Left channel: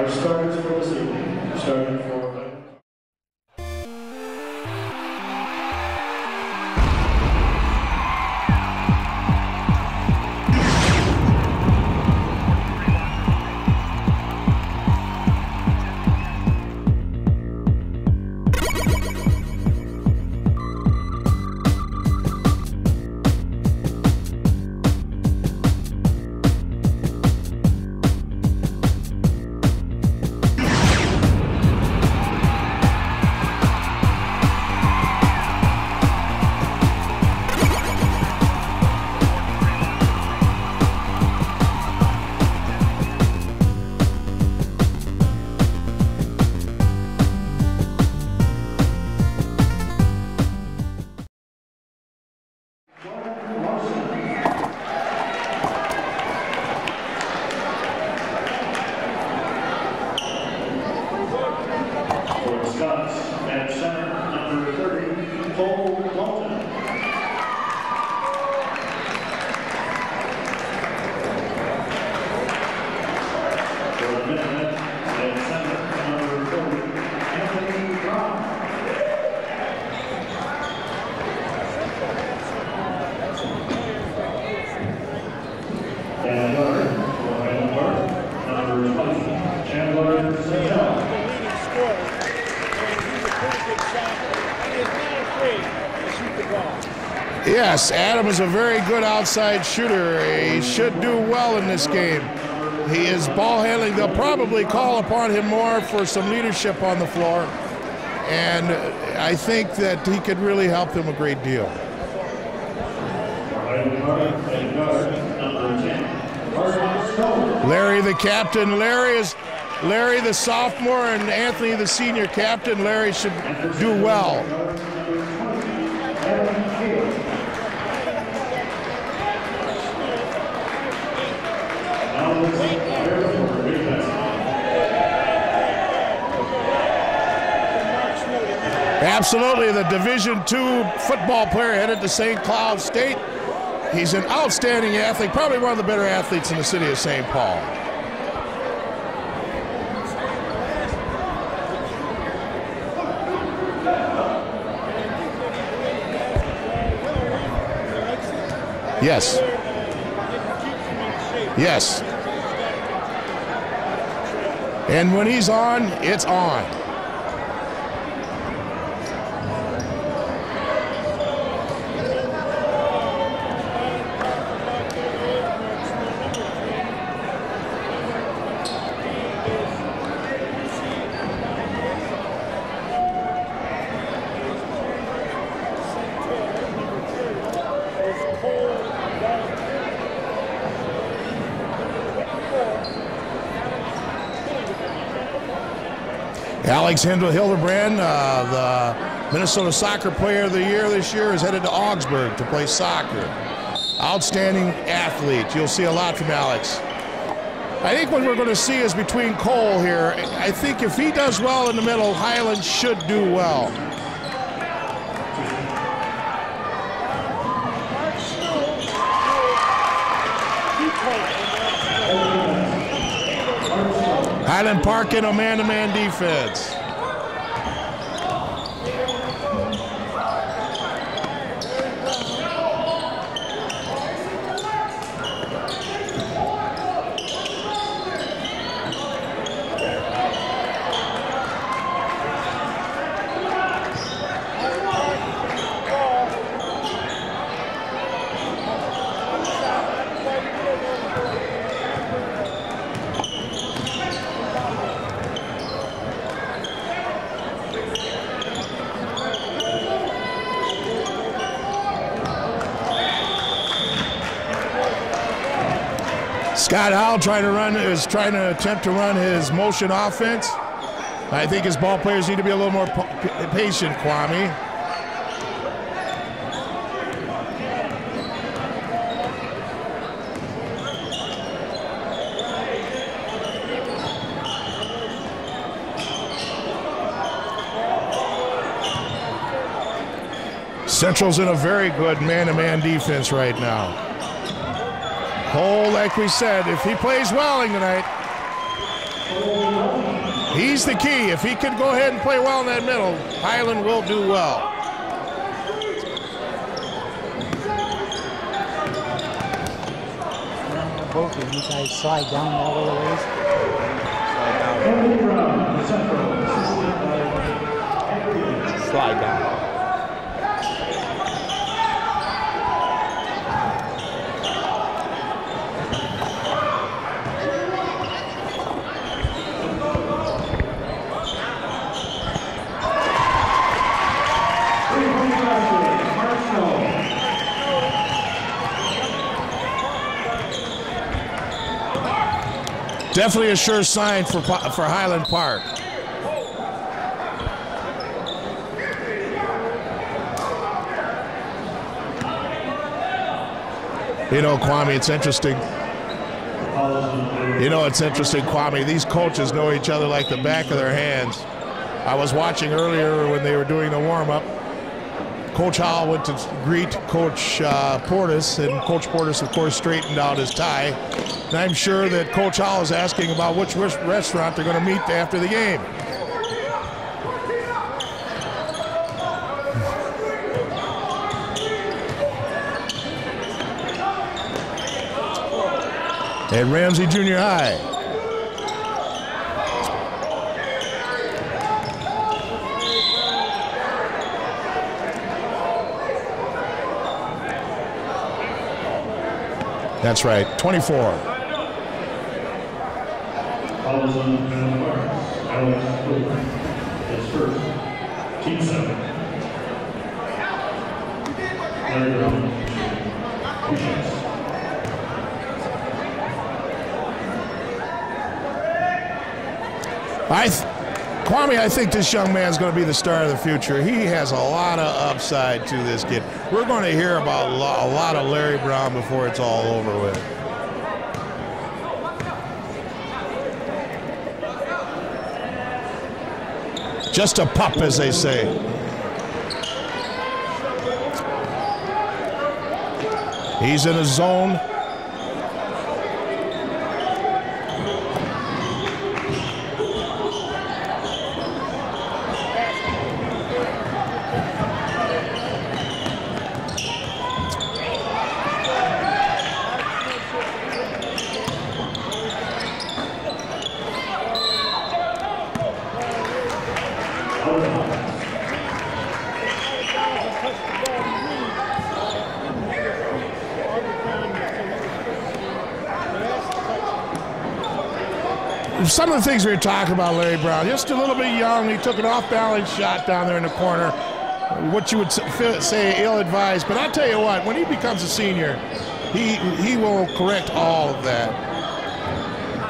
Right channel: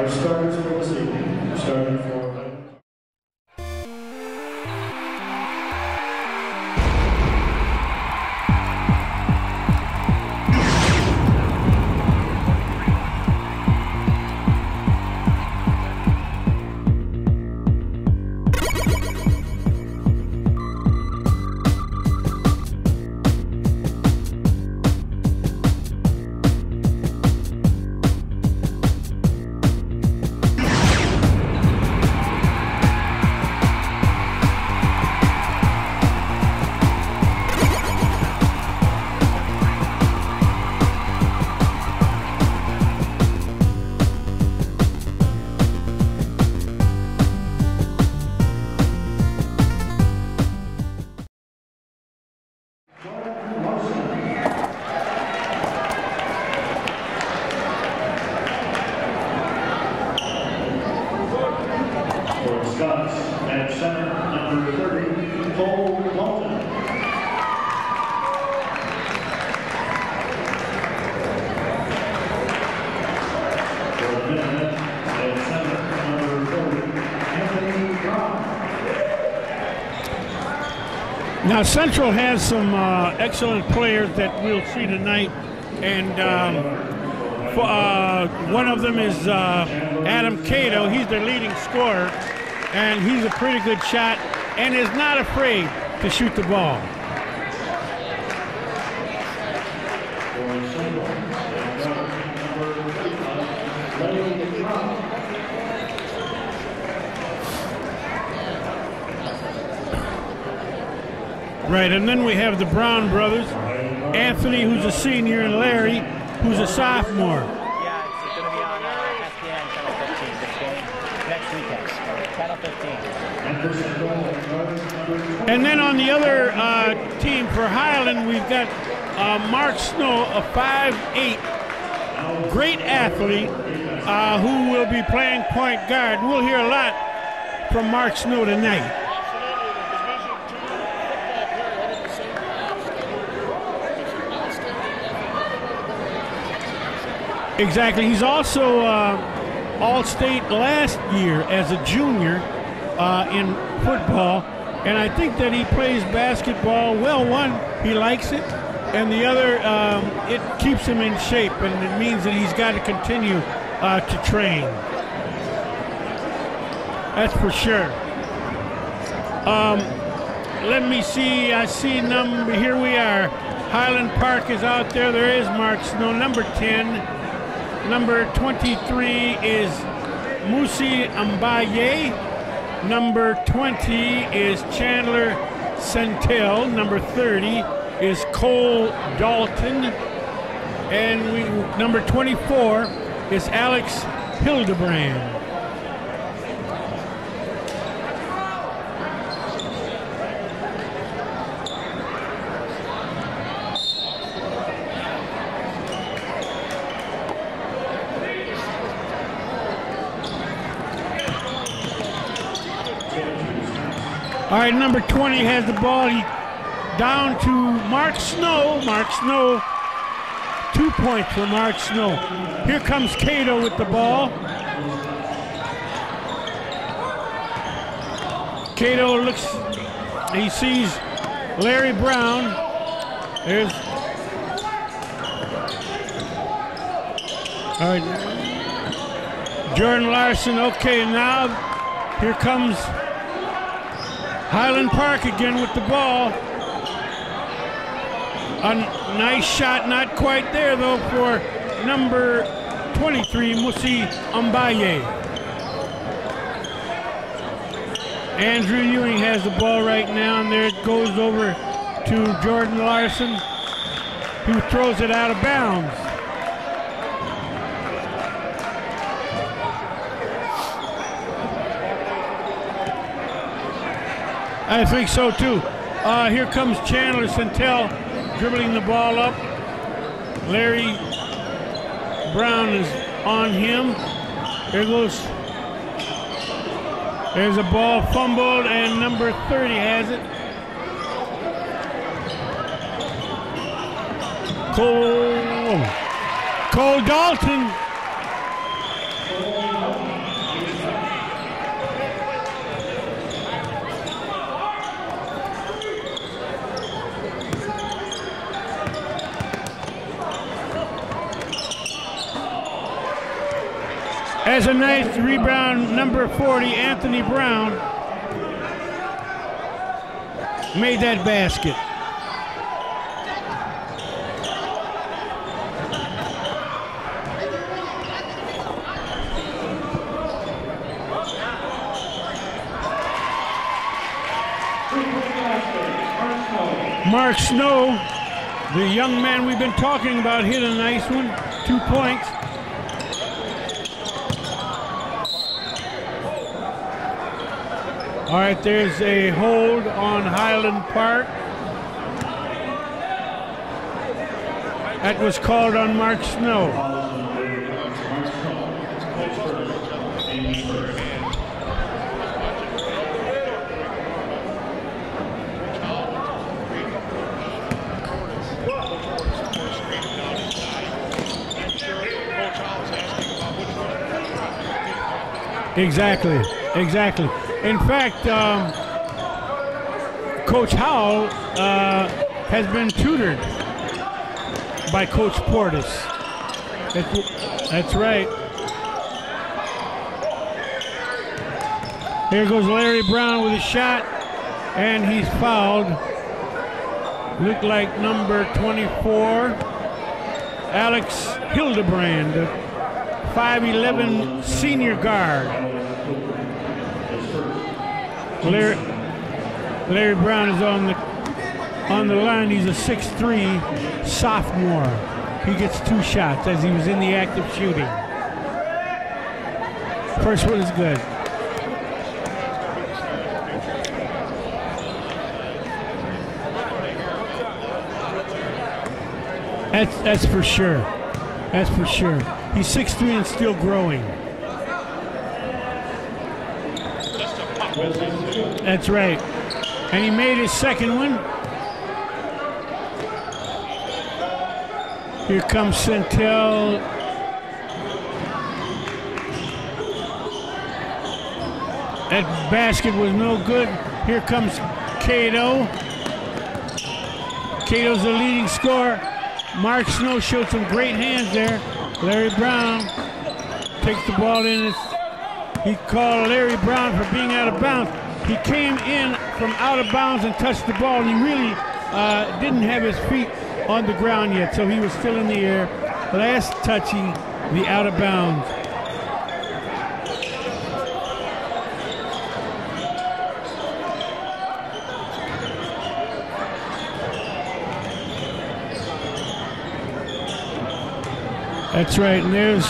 Our starters for this evening, starting for at center, number 30, Cole Walton. For the minute, at center, number 30, Anthony Brown. Now Central has some excellent players that we'll see tonight, and one of them is Adam Cato. He's the leading scorer, and he's a pretty good shot and is not afraid to shoot the ball. Yes, Adam is a very good outside shooter. He should do well in this game. He is ball handling. They'll probably call upon him more for some leadership on the floor, and I think that he could really help them a great deal. Right, and then we have the Brown brothers, Anthony, who's a senior, and Larry, who's a sophomore. Larry the captain. Larry the sophomore, and Anthony the senior captain. Larry should do well. And then on the other team for Highland, we've got Mark Snow, a 5'8", great athlete who will be playing point guard. We'll hear a lot from Mark Snow tonight. Absolutely, the Division II football player headed to St. Cloud State. He's an outstanding athlete, probably one of the better athletes in the city of St. Paul. Exactly. He's also All-State last year as a junior in football, and I think that he plays basketball well. One, he likes it, and yes. The other, it keeps him in shape. Yes. It means that he's got to continue to train. And when he's on, it's on. That's for sure. Let me see. I see number. Here we are. Highland Park is out there. There is Mark Snow, number 10. Number 23 is Musi Ambaye. Number 20 is Chandler Centel. Number 30 is Cole Dalton. And number 24 is Alex Hildebrand. Alex Hildebrand, the Minnesota Soccer Player of the Year this year, is headed to Augsburg to play soccer. Outstanding athlete. You'll see a lot from Alex. I think what we're going to see is between Cole here. I think if he does well in the middle, Highland should do well. All right, number 20 has the ball down to Mark Snow. Mark Snow, 2 points for Mark Snow. Here comes Cato with the ball. Highland Park in a man-to-man defense. Cato looks, he sees Larry Brown. There's, all right, Jordan Larson. Okay, now here comes Highland Park again with the ball. A nice shot, not quite there though for number 23, Musi Ambaye. Andrew Ewing has the ball right now, and there it goes over to Jordan Larson, who throws it out of bounds. Scott Howell is trying to attempt to run his motion offense. I think his ball players need to be a little more patient, Kwame. I think so too. Here comes Chandler Centel dribbling the ball up. Larry Brown is on him. There goes. There's a ball fumbled, and number 30 has it. Central's in a very good man-to-man defense right now. Cole, like we said, if he plays well tonight. he's the key. If he can go ahead and play well in that middle, Highland will do well. As a nice rebound, number 40, Anthony Brown, made that basket. Mark Snow, the young man we've been talking about, hit a nice one, 2 points. Definitely a sure sign for Highland Park. All right, there's a hold on Highland Park. You know, Kwame, it's interesting. Called on Mark Snow. You know, it's interesting, Kwame. These coaches know each other like the back of their hands. I was watching earlier when they were doing the warm-up. Coach Howell went to greet Coach Portis, and Coach Portis, of course, straightened out his tie. And I'm sure that Coach Howell is asking about which restaurant they're going to meet after the game. Exactly, exactly. In fact, Coach Howell has been tutored by Coach Portis. At Ramsey Junior High. That's right. Here goes Larry Brown with a shot, and he's fouled. Looked like number 24. That's right, 24. Alex Hildebrand, 5'11" senior guard. Larry Brown is on the line. He's a 6'3" sophomore. He gets 2 shots as he was in the act of shooting. First one is good. Kwame, I think this young man's going to be the star of the future. He has a lot of upside to this kid. We're going to hear about a lot of Larry Brown before it's all over. That's for sure. That's for sure. He's 6'3" and still growing. Just a pup, as they say. That's right. And he made his second one. He's in a zone. Here comes Centel. That basket was no good. Here comes Cato. Cato's the leading scorer. Mark Snow showed some great hands there. Larry Brown takes the ball in. He called Larry Brown for being out of bounds. He came in from out of bounds and touched the ball. He really didn't have his feet on the ground yet, so he was still in the air. Last touching the out of bounds. Some of the things we were talking about, Larry Brown, just a little bit young. He took an off-balance shot down there in the corner. What you would say ill-advised, but I'll tell you what, when he becomes a senior, he will correct all of that. That's right, and there's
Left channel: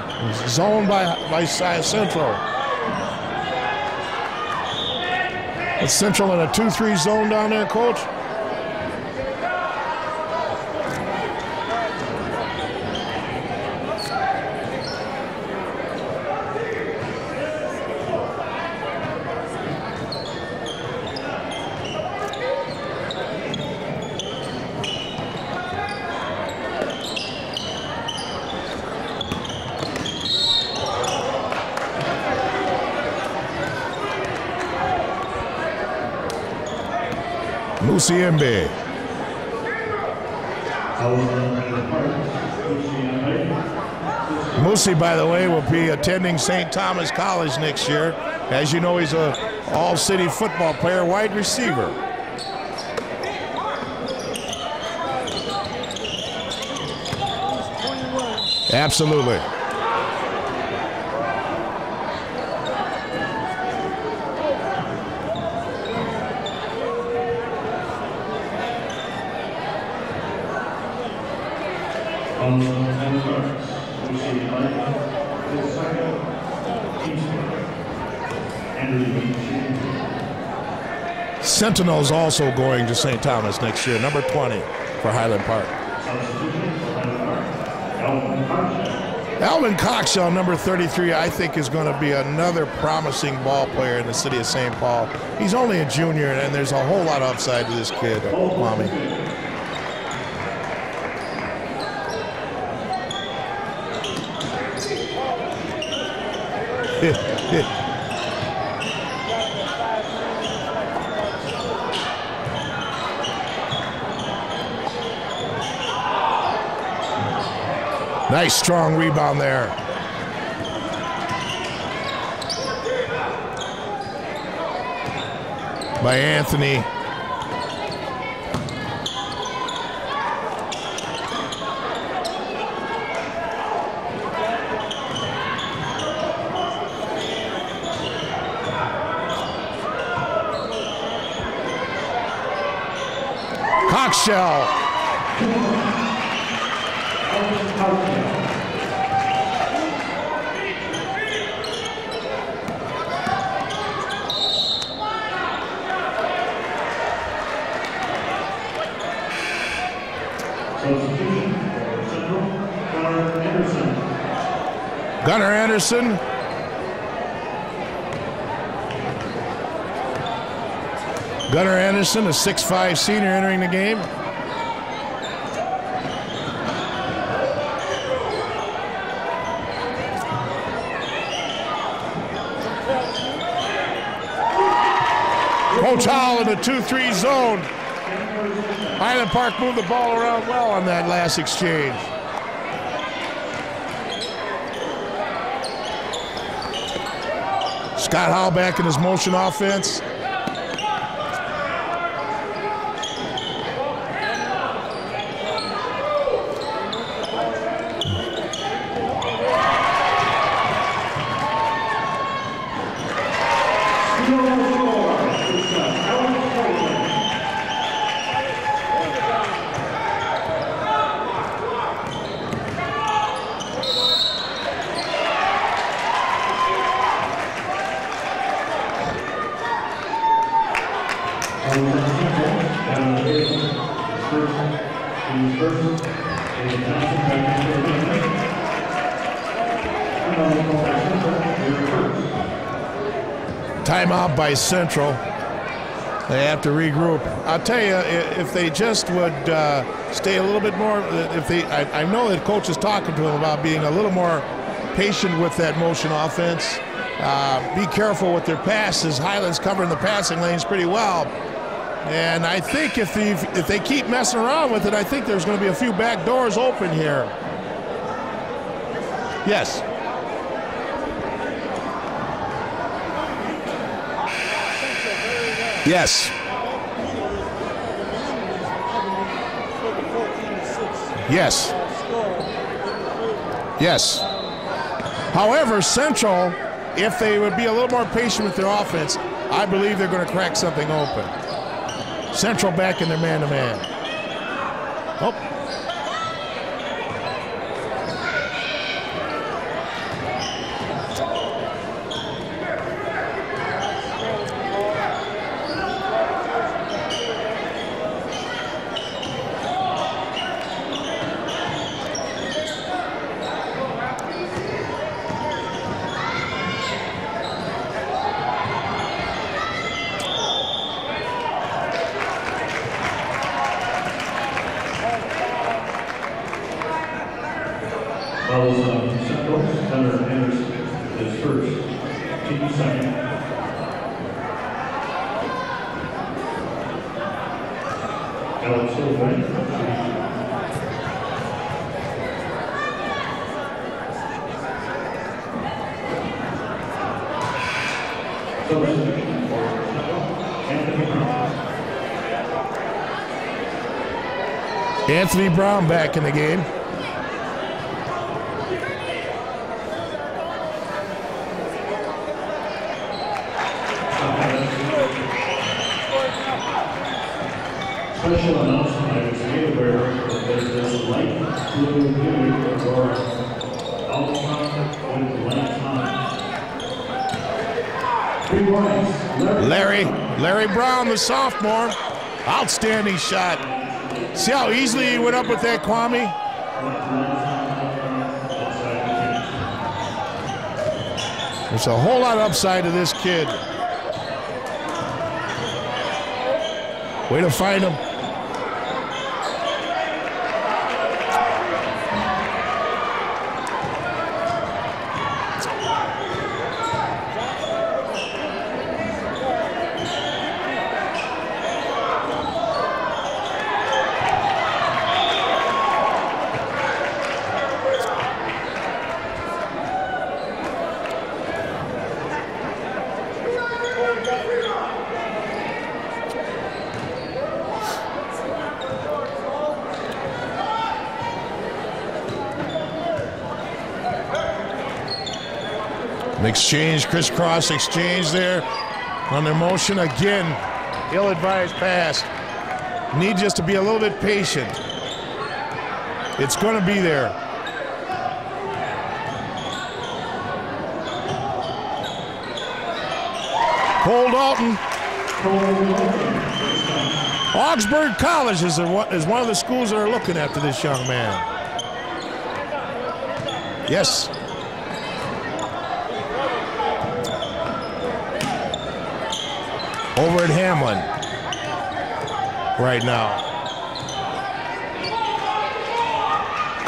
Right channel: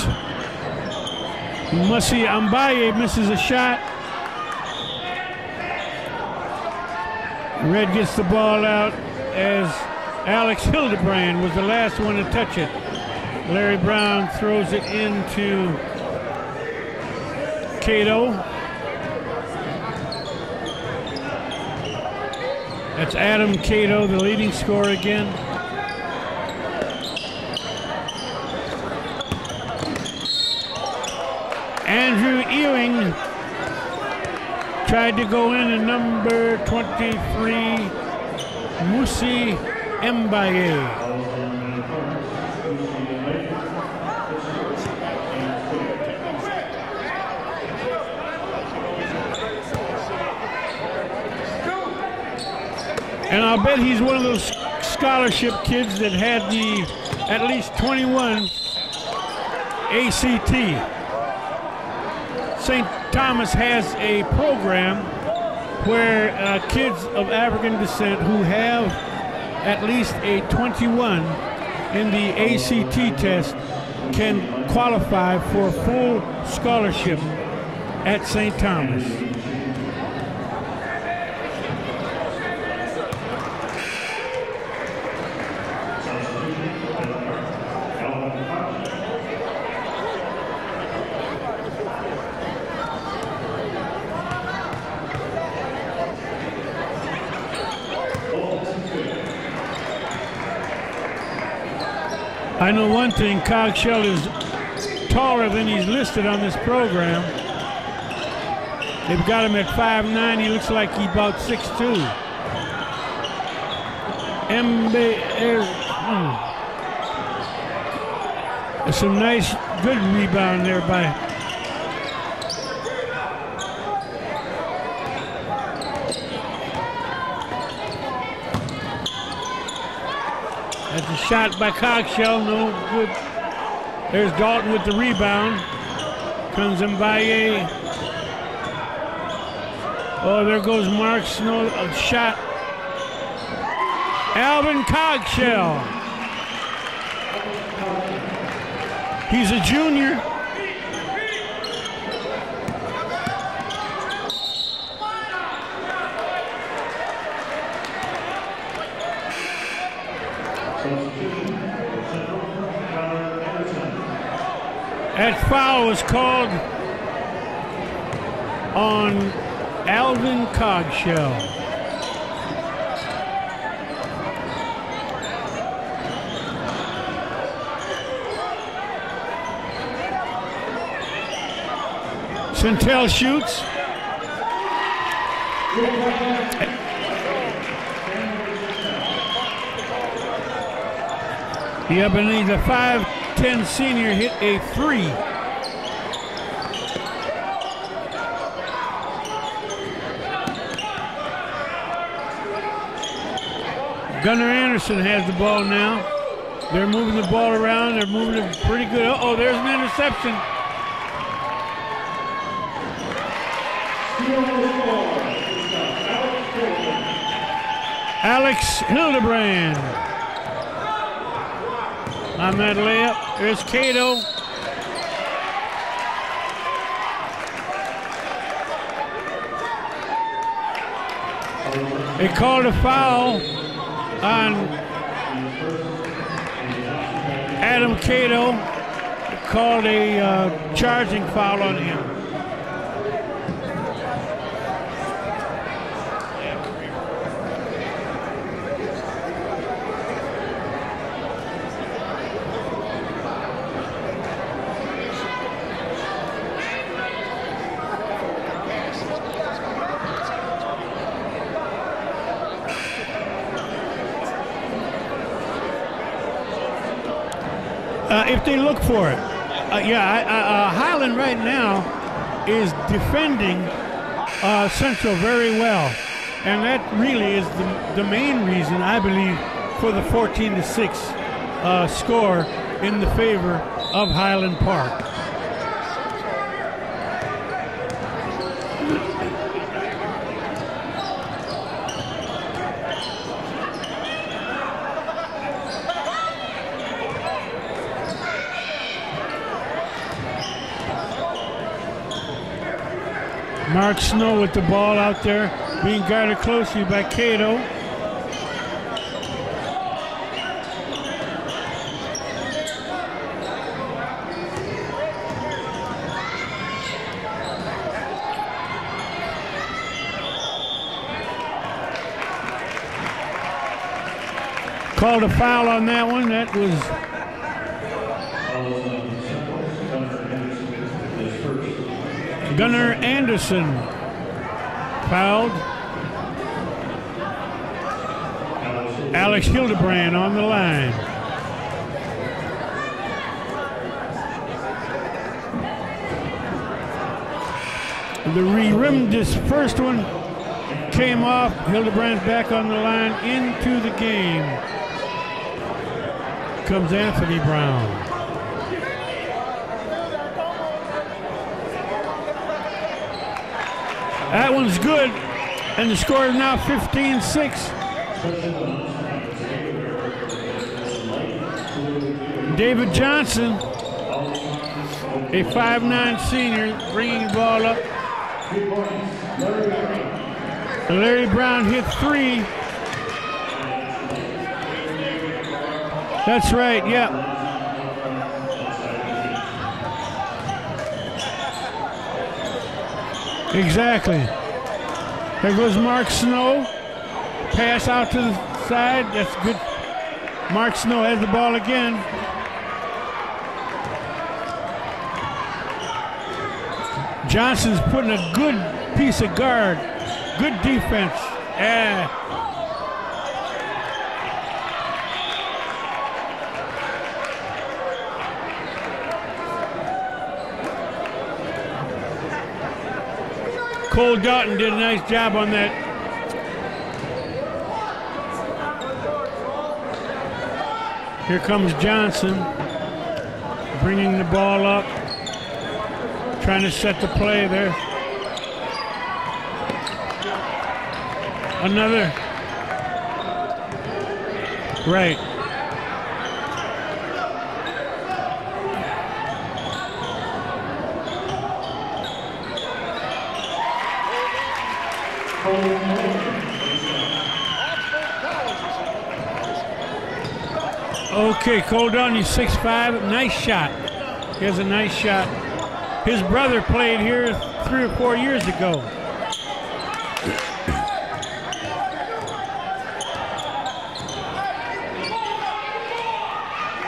zone by Musi Ambaye misses a shot. It's Central in a 2-3 zone down there. Red gets the ball out as Alex Hildebrand was the last one to touch it. Larry Brown throws it into Cato. That's Adam Cato, the leading scorer again. Andrew Ewing tried to go in at number 23. Musi Mbaye. Musi, by the way, will be attending St. Thomas College next year. As you know, he's an all-city football player, wide receiver. And I'll bet he's one of those scholarship kids that had at least 21. Absolutely. ACT. St. Thomas has a program where kids of African descent who have at least a 21 in the ACT test can qualify for full scholarship at St. Thomas. Sentinel's also going to St. Thomas next year, number 20 for Highland Park. Alvin Coxell, number 33, I think is going to be another promising ball player in the city of St. Paul. He's only a junior, and there's a whole lot of upside to this kid. I know one thing, Coxell is taller than he's listed on this program. They've got him at 5'9". He looks like he's about 6'2". Nice strong rebound there. Good rebound there by Anthony. That's a shot by Cogshell. No good. There's Dalton with the rebound. Comes in by a. Oh, there goes Mark Snow. A shot. Cogshell. Alvin Cogshell. He's a junior. That foul was called on Alvin Cogshell. Gunnar Anderson, a 6'5" senior entering the game. Centel shoots. Coach Hall in the 2-3 zone. Highland Park moved the ball around well on that last exchange. Yeah, but the 5'10" senior hit a 3. Scott Hall back in his motion offense. Gunnar Anderson has the ball now. They're moving the ball around. They're moving it pretty good. Oh, there's an interception. Alex Hildebrand. On that layup, there's Cato. They called a foul on Adam Cato. Called a charging foul on him. Timeout by Central. They have to regroup. I'll tell you, if they just would stay a little bit more, I know that coach is talking to them about being a little more patient with that motion offense. Be careful with their passes. Highland's covering the passing lanes pretty well. And I think if they keep messing around with it, I think there's going to be a few back doors open here. If they look for it. Yes. Highland right now is defending Central very well. Yes. And that really is the main reason, I believe, for the 14-6 score in the favor of Highland Park. However, Central, if they would be a little more patient with their offense, I believe they're going to crack something open. Central back in the man-to-man. Mark Snow with the ball out there, being guarded closely by Cato. Called a foul on that one. That was Gunnar Anderson fouled. Alex Hildebrand on the line. The rim, this first one came off. Hildebrand's back on the line into the game. Anthony Brown back in the game. Here comes Anthony Brown. That one's good, and the score is now 15-6. David Johnson, a 5'9" senior, bringing the ball up. Larry Brown. Larry Brown hit 3. Outstanding shot. See how easily he went up with that, Kwame? That's right, yeah. There's a whole lot of upside to this kid. Exactly. There goes Mark Snow. Way to pass find him. out to the side. That's good. Mark Snow has the ball again. Johnson's putting a good piece of guard. Good defense. Yeah. Cole Dalton did a nice job on that. Here comes Johnson, bringing the ball up. Exchange, crisscross exchange there. Under motion again. Ill-advised pass. Need just to be a little bit patient. Right. It's going to be there. Cole Dalton. Augsburg College is one of the schools that are looking after this young man. Okay, Cole Dalton, he's 6'5", nice shot. Yes. Here's a nice shot. His brother played here 3 or 4 years ago. Over at Hamlin right now.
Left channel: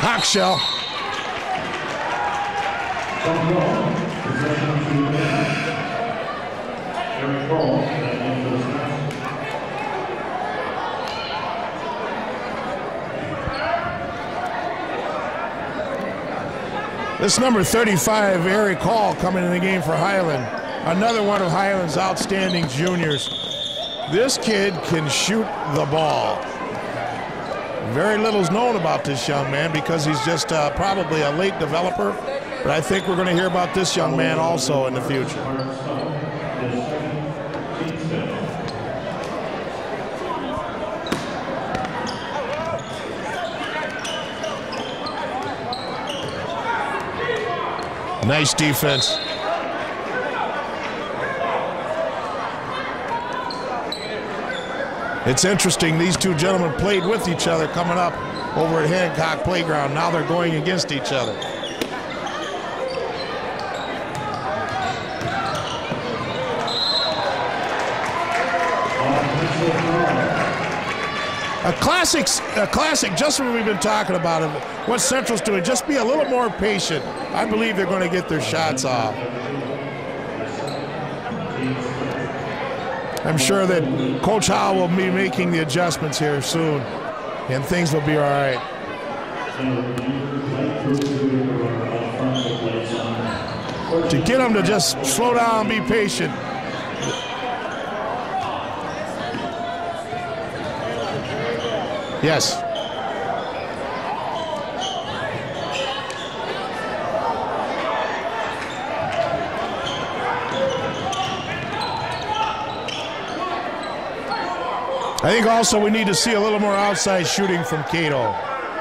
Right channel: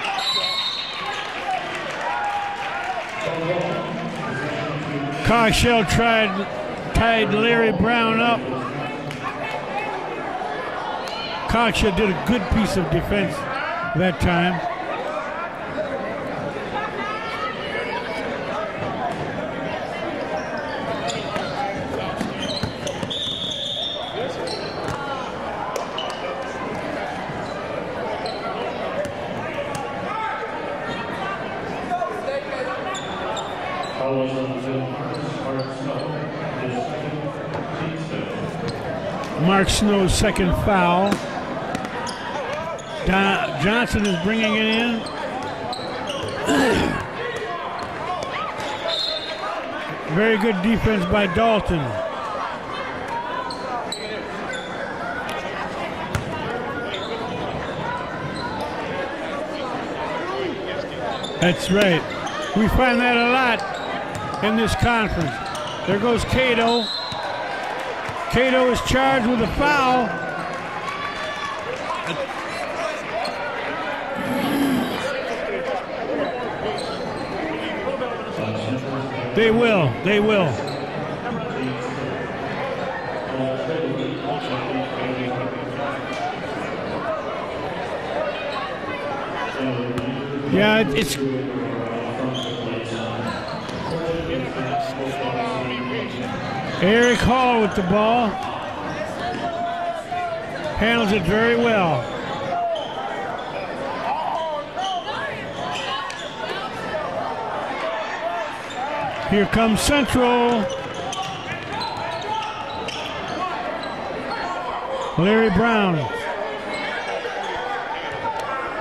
Cockshell. Cockshell tied Larry Brown up. Cockshell did a good piece of defense that time. This number 35, Eric Hall, coming in the game for Highland. Another one of Highland's outstanding juniors. This kid can shoot the ball. Very little's known about this young man because he's just probably a late developer. But I think we're going to hear about this young man also in the future. Mark Snow's second foul. Johnson is bringing it in. Nice defense. Very good defense by Dalton. It's interesting, these two gentlemen played with each other coming up over at Hancock Playground. Now they're going against each other. That's right. We find that a lot in this conference. There goes Cato. Cato is charged with a foul. A classic, just what we've been talking about. What Central's doing, just be a little more patient. I believe they're going to get their shots off. They will, they will. I'm sure that Coach Howell will be making the adjustments here soon, and things will be all right. Yeah, it's... To get them to just slow down and be patient. Eric Hall with the ball. Handles it very well. Yes. Here comes Central. I think also we need to see a little more outside shooting from Cato.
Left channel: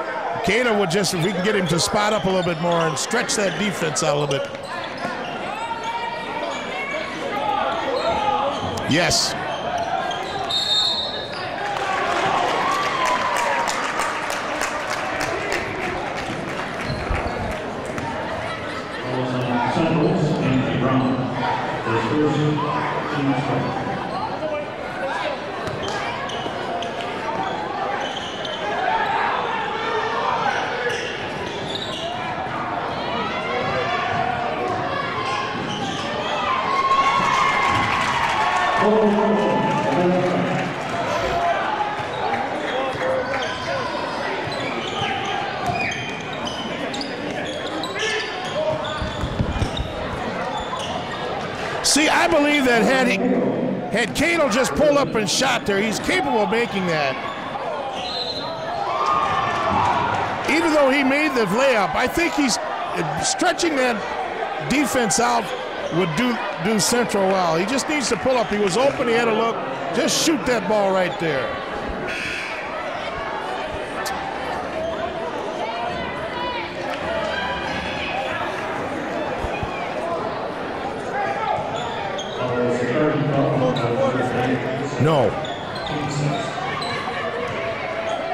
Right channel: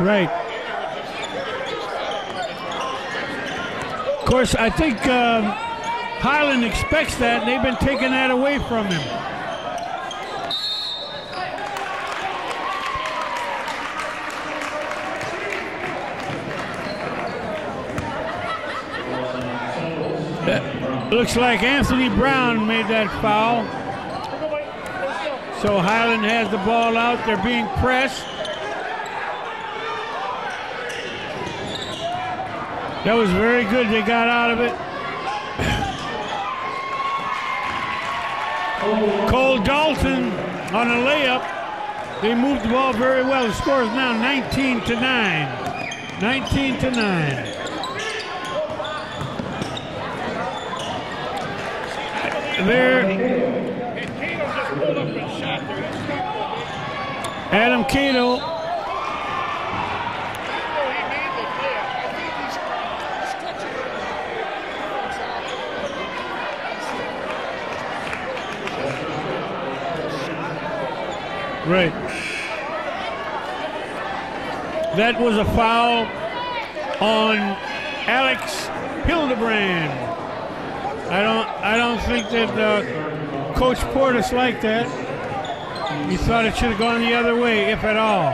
Right. Cato would just, if we can get him to spot up a little bit more and stretch that defense out a little bit. Of course, I think Highland expects that. They've been taking that away from him. Yes. Looks like Anthony Brown made that foul. So Highland has the ball out. They're being pressed. That was very good. They got out of it. Cole Dalton on a layup. They moved the ball very well. The score is now 19-9. 19-9. See, I believe that had Cato just pulled up and shot there, he's capable of making that. Adam Cato. Even though he made the layup, I think he's stretching that defense out would do Central well. He just needs to pull up. He was open, he had a look. Just shoot that ball right there. Right. That was a foul on Alex Hildebrand. I don't think that Coach Portis liked that. No. He thought it should have gone the other way, if at all.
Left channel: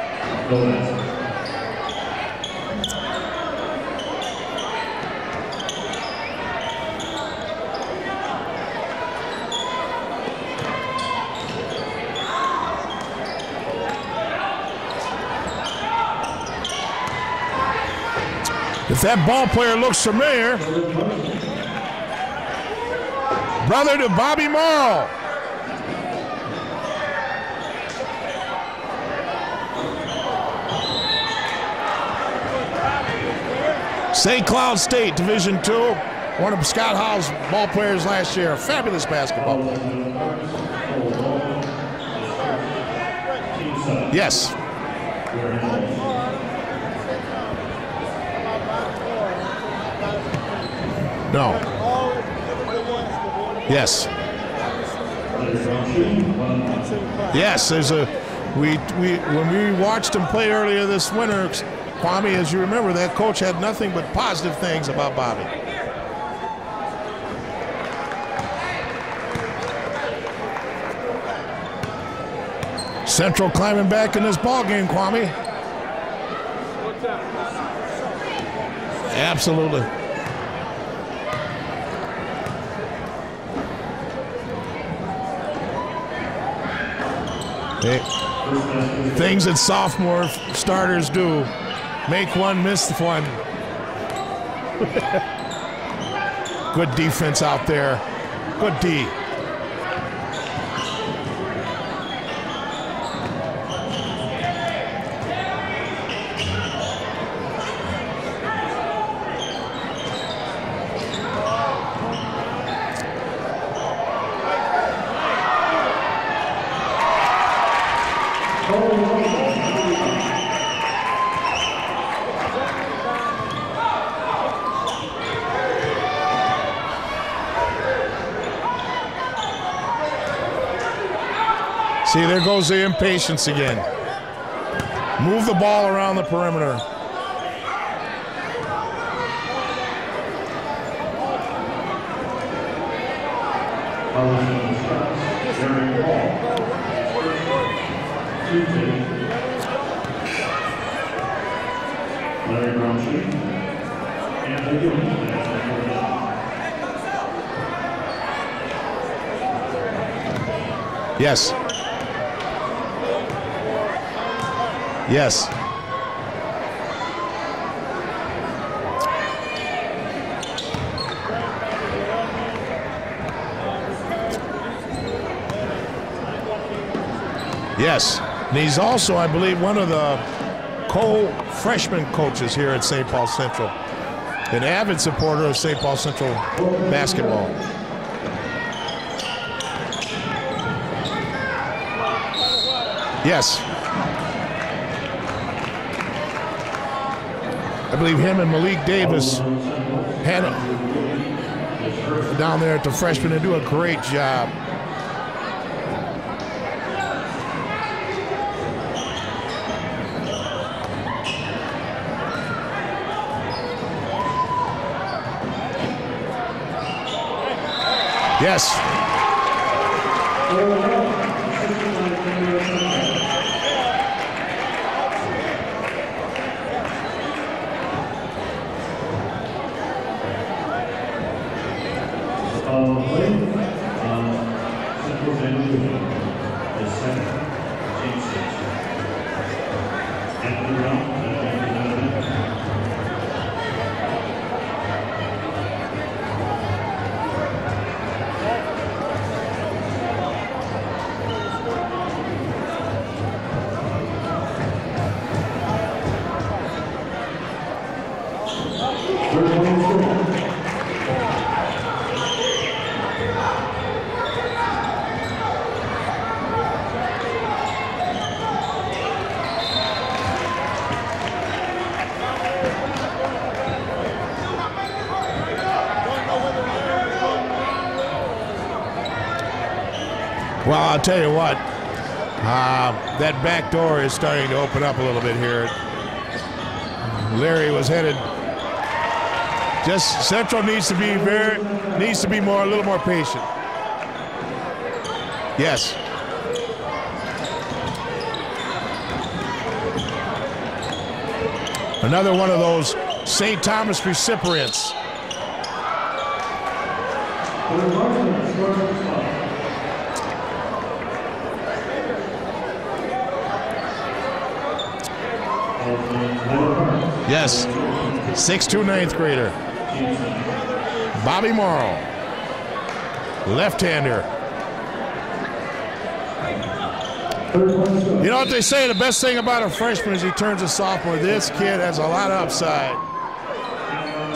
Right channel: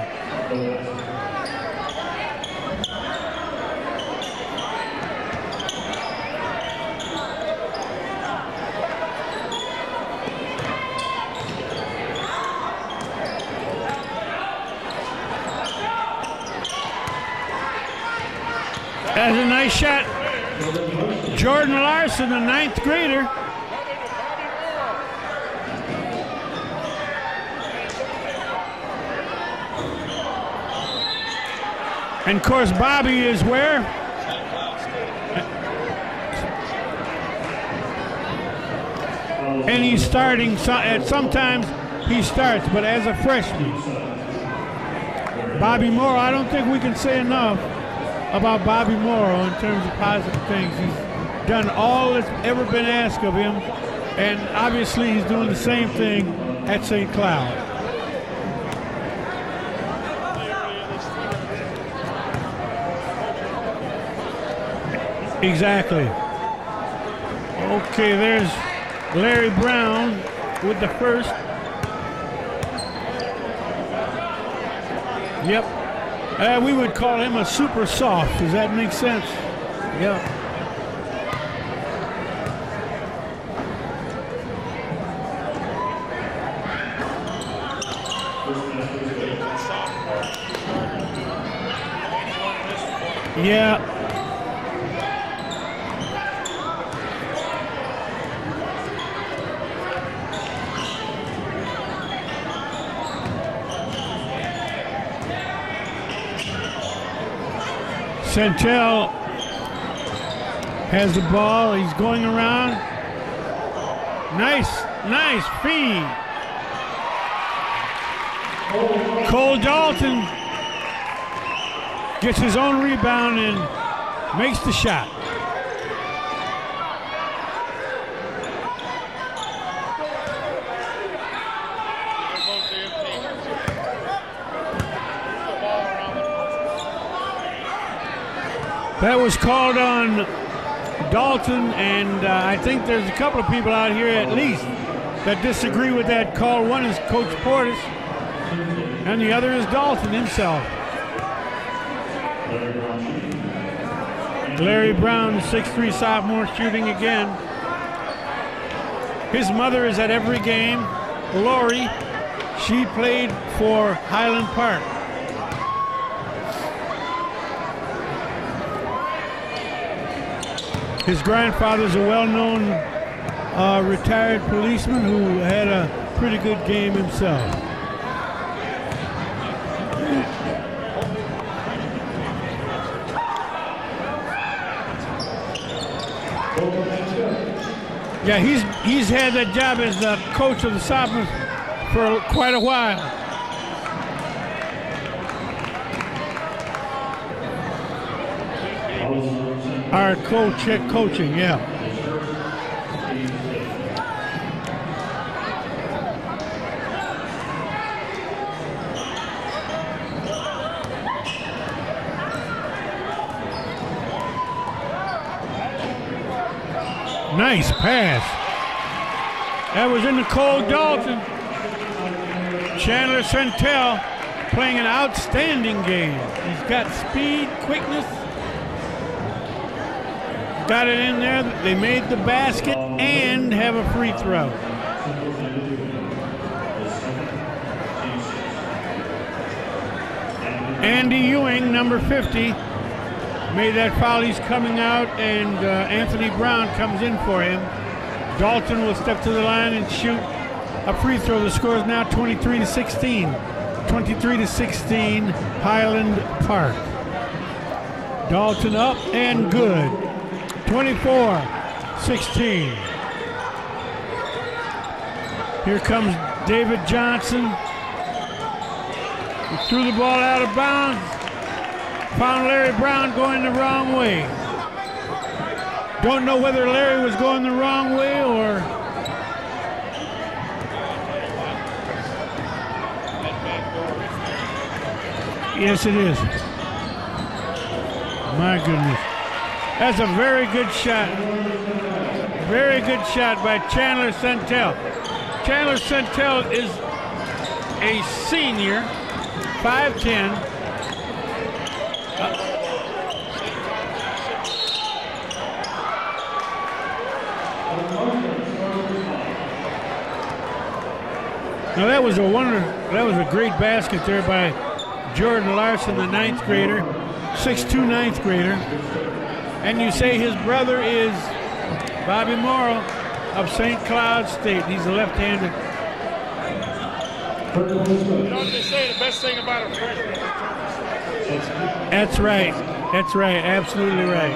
The If that That's ball a player nice looks shot. familiar, Jordan Larson, the 9th grader. brother to Bobby Morrow. And of course, Bobby is where? St. Cloud State, Division II. One of Scott Howe's ball players last year. Fabulous basketball. And he's starting, and sometimes he starts, but as a freshman. Yes. Bobby Morrow, I don't think we can say enough about Bobby Morrow in terms of positive things. He's done all that's ever been asked of him. Yes. And obviously he's doing the same thing at St. Cloud. Yes, there's a when we watched him play earlier this winter, Kwame, as you remember, that coach had nothing but positive things about Bobby. Exactly. Okay, there's Larry Brown with the first. Central climbing back in this ball game, Kwame. Yep. We would call him a super soft. Does that make sense? Absolutely. Yep. Things that sophomore starters do. Make one, miss one. Yeah. Good defense out there. Good D. Santel has the ball. He's going around. Nice feed. Cole Dalton gets his own rebound and makes the shot. See, there goes the impatience again. Move the ball around the perimeter. That was called on Dalton, and I think there's a couple of people out here at least that disagree with that call. One is Coach Portis, and the other is Dalton himself. Larry Brown, the 6'3" sophomore, shooting again. His mother is at every game. Yes. Lori, she played for Highland Park. Yes. His grandfather's a well-known retired policeman who had a pretty good game himself. Yes. And he's also, I believe, one of the co-freshman coaches here at St. Paul Central. An avid supporter of St. Paul Central basketball. Yeah, he's had that job as the coach of the sophomores for quite a while. Yes. I believe him and Malik Davis are coaching, yeah. Down there at the freshman, they do a great job. Nice pass. Yes. That was in the Cole Dalton. Chandler Santel playing an outstanding game. He's got speed, quickness. Got it in there. They made the basket and have a free throw. Andy Ewing, number 50. Made that foul. He's coming out, and Anthony Brown comes in for him. Dalton will step to the line and shoot a free throw. The score is now 23-16. 23-16, Highland Park. Dalton up and good. 24-16. Here comes David Johnson. Threw the ball out of bounds. Found Larry Brown going the wrong way. Don't know whether Larry was going the wrong way or... Well, I'll tell you what. That back door is starting to open up a little bit here. Yes, it is. Larry was headed. My goodness. That's a very Central good shot. needs to be more. Very good shot by Chandler Santel. Chandler Santel is a senior, 5'10". Another one of those St. Thomas recipients. Now that was a great basket there by Jordan Larson, the 9th grader. Yes. 6'2", 9th grader. 6'2", 9th grader. And you say his brother is? Bobby Morrow. Bobby Morrow of St. Cloud State. He's a left-hander. You know what they say, the best thing about a freshman is he turns a sophomore. This kid has a lot of upside. That's right, absolutely right.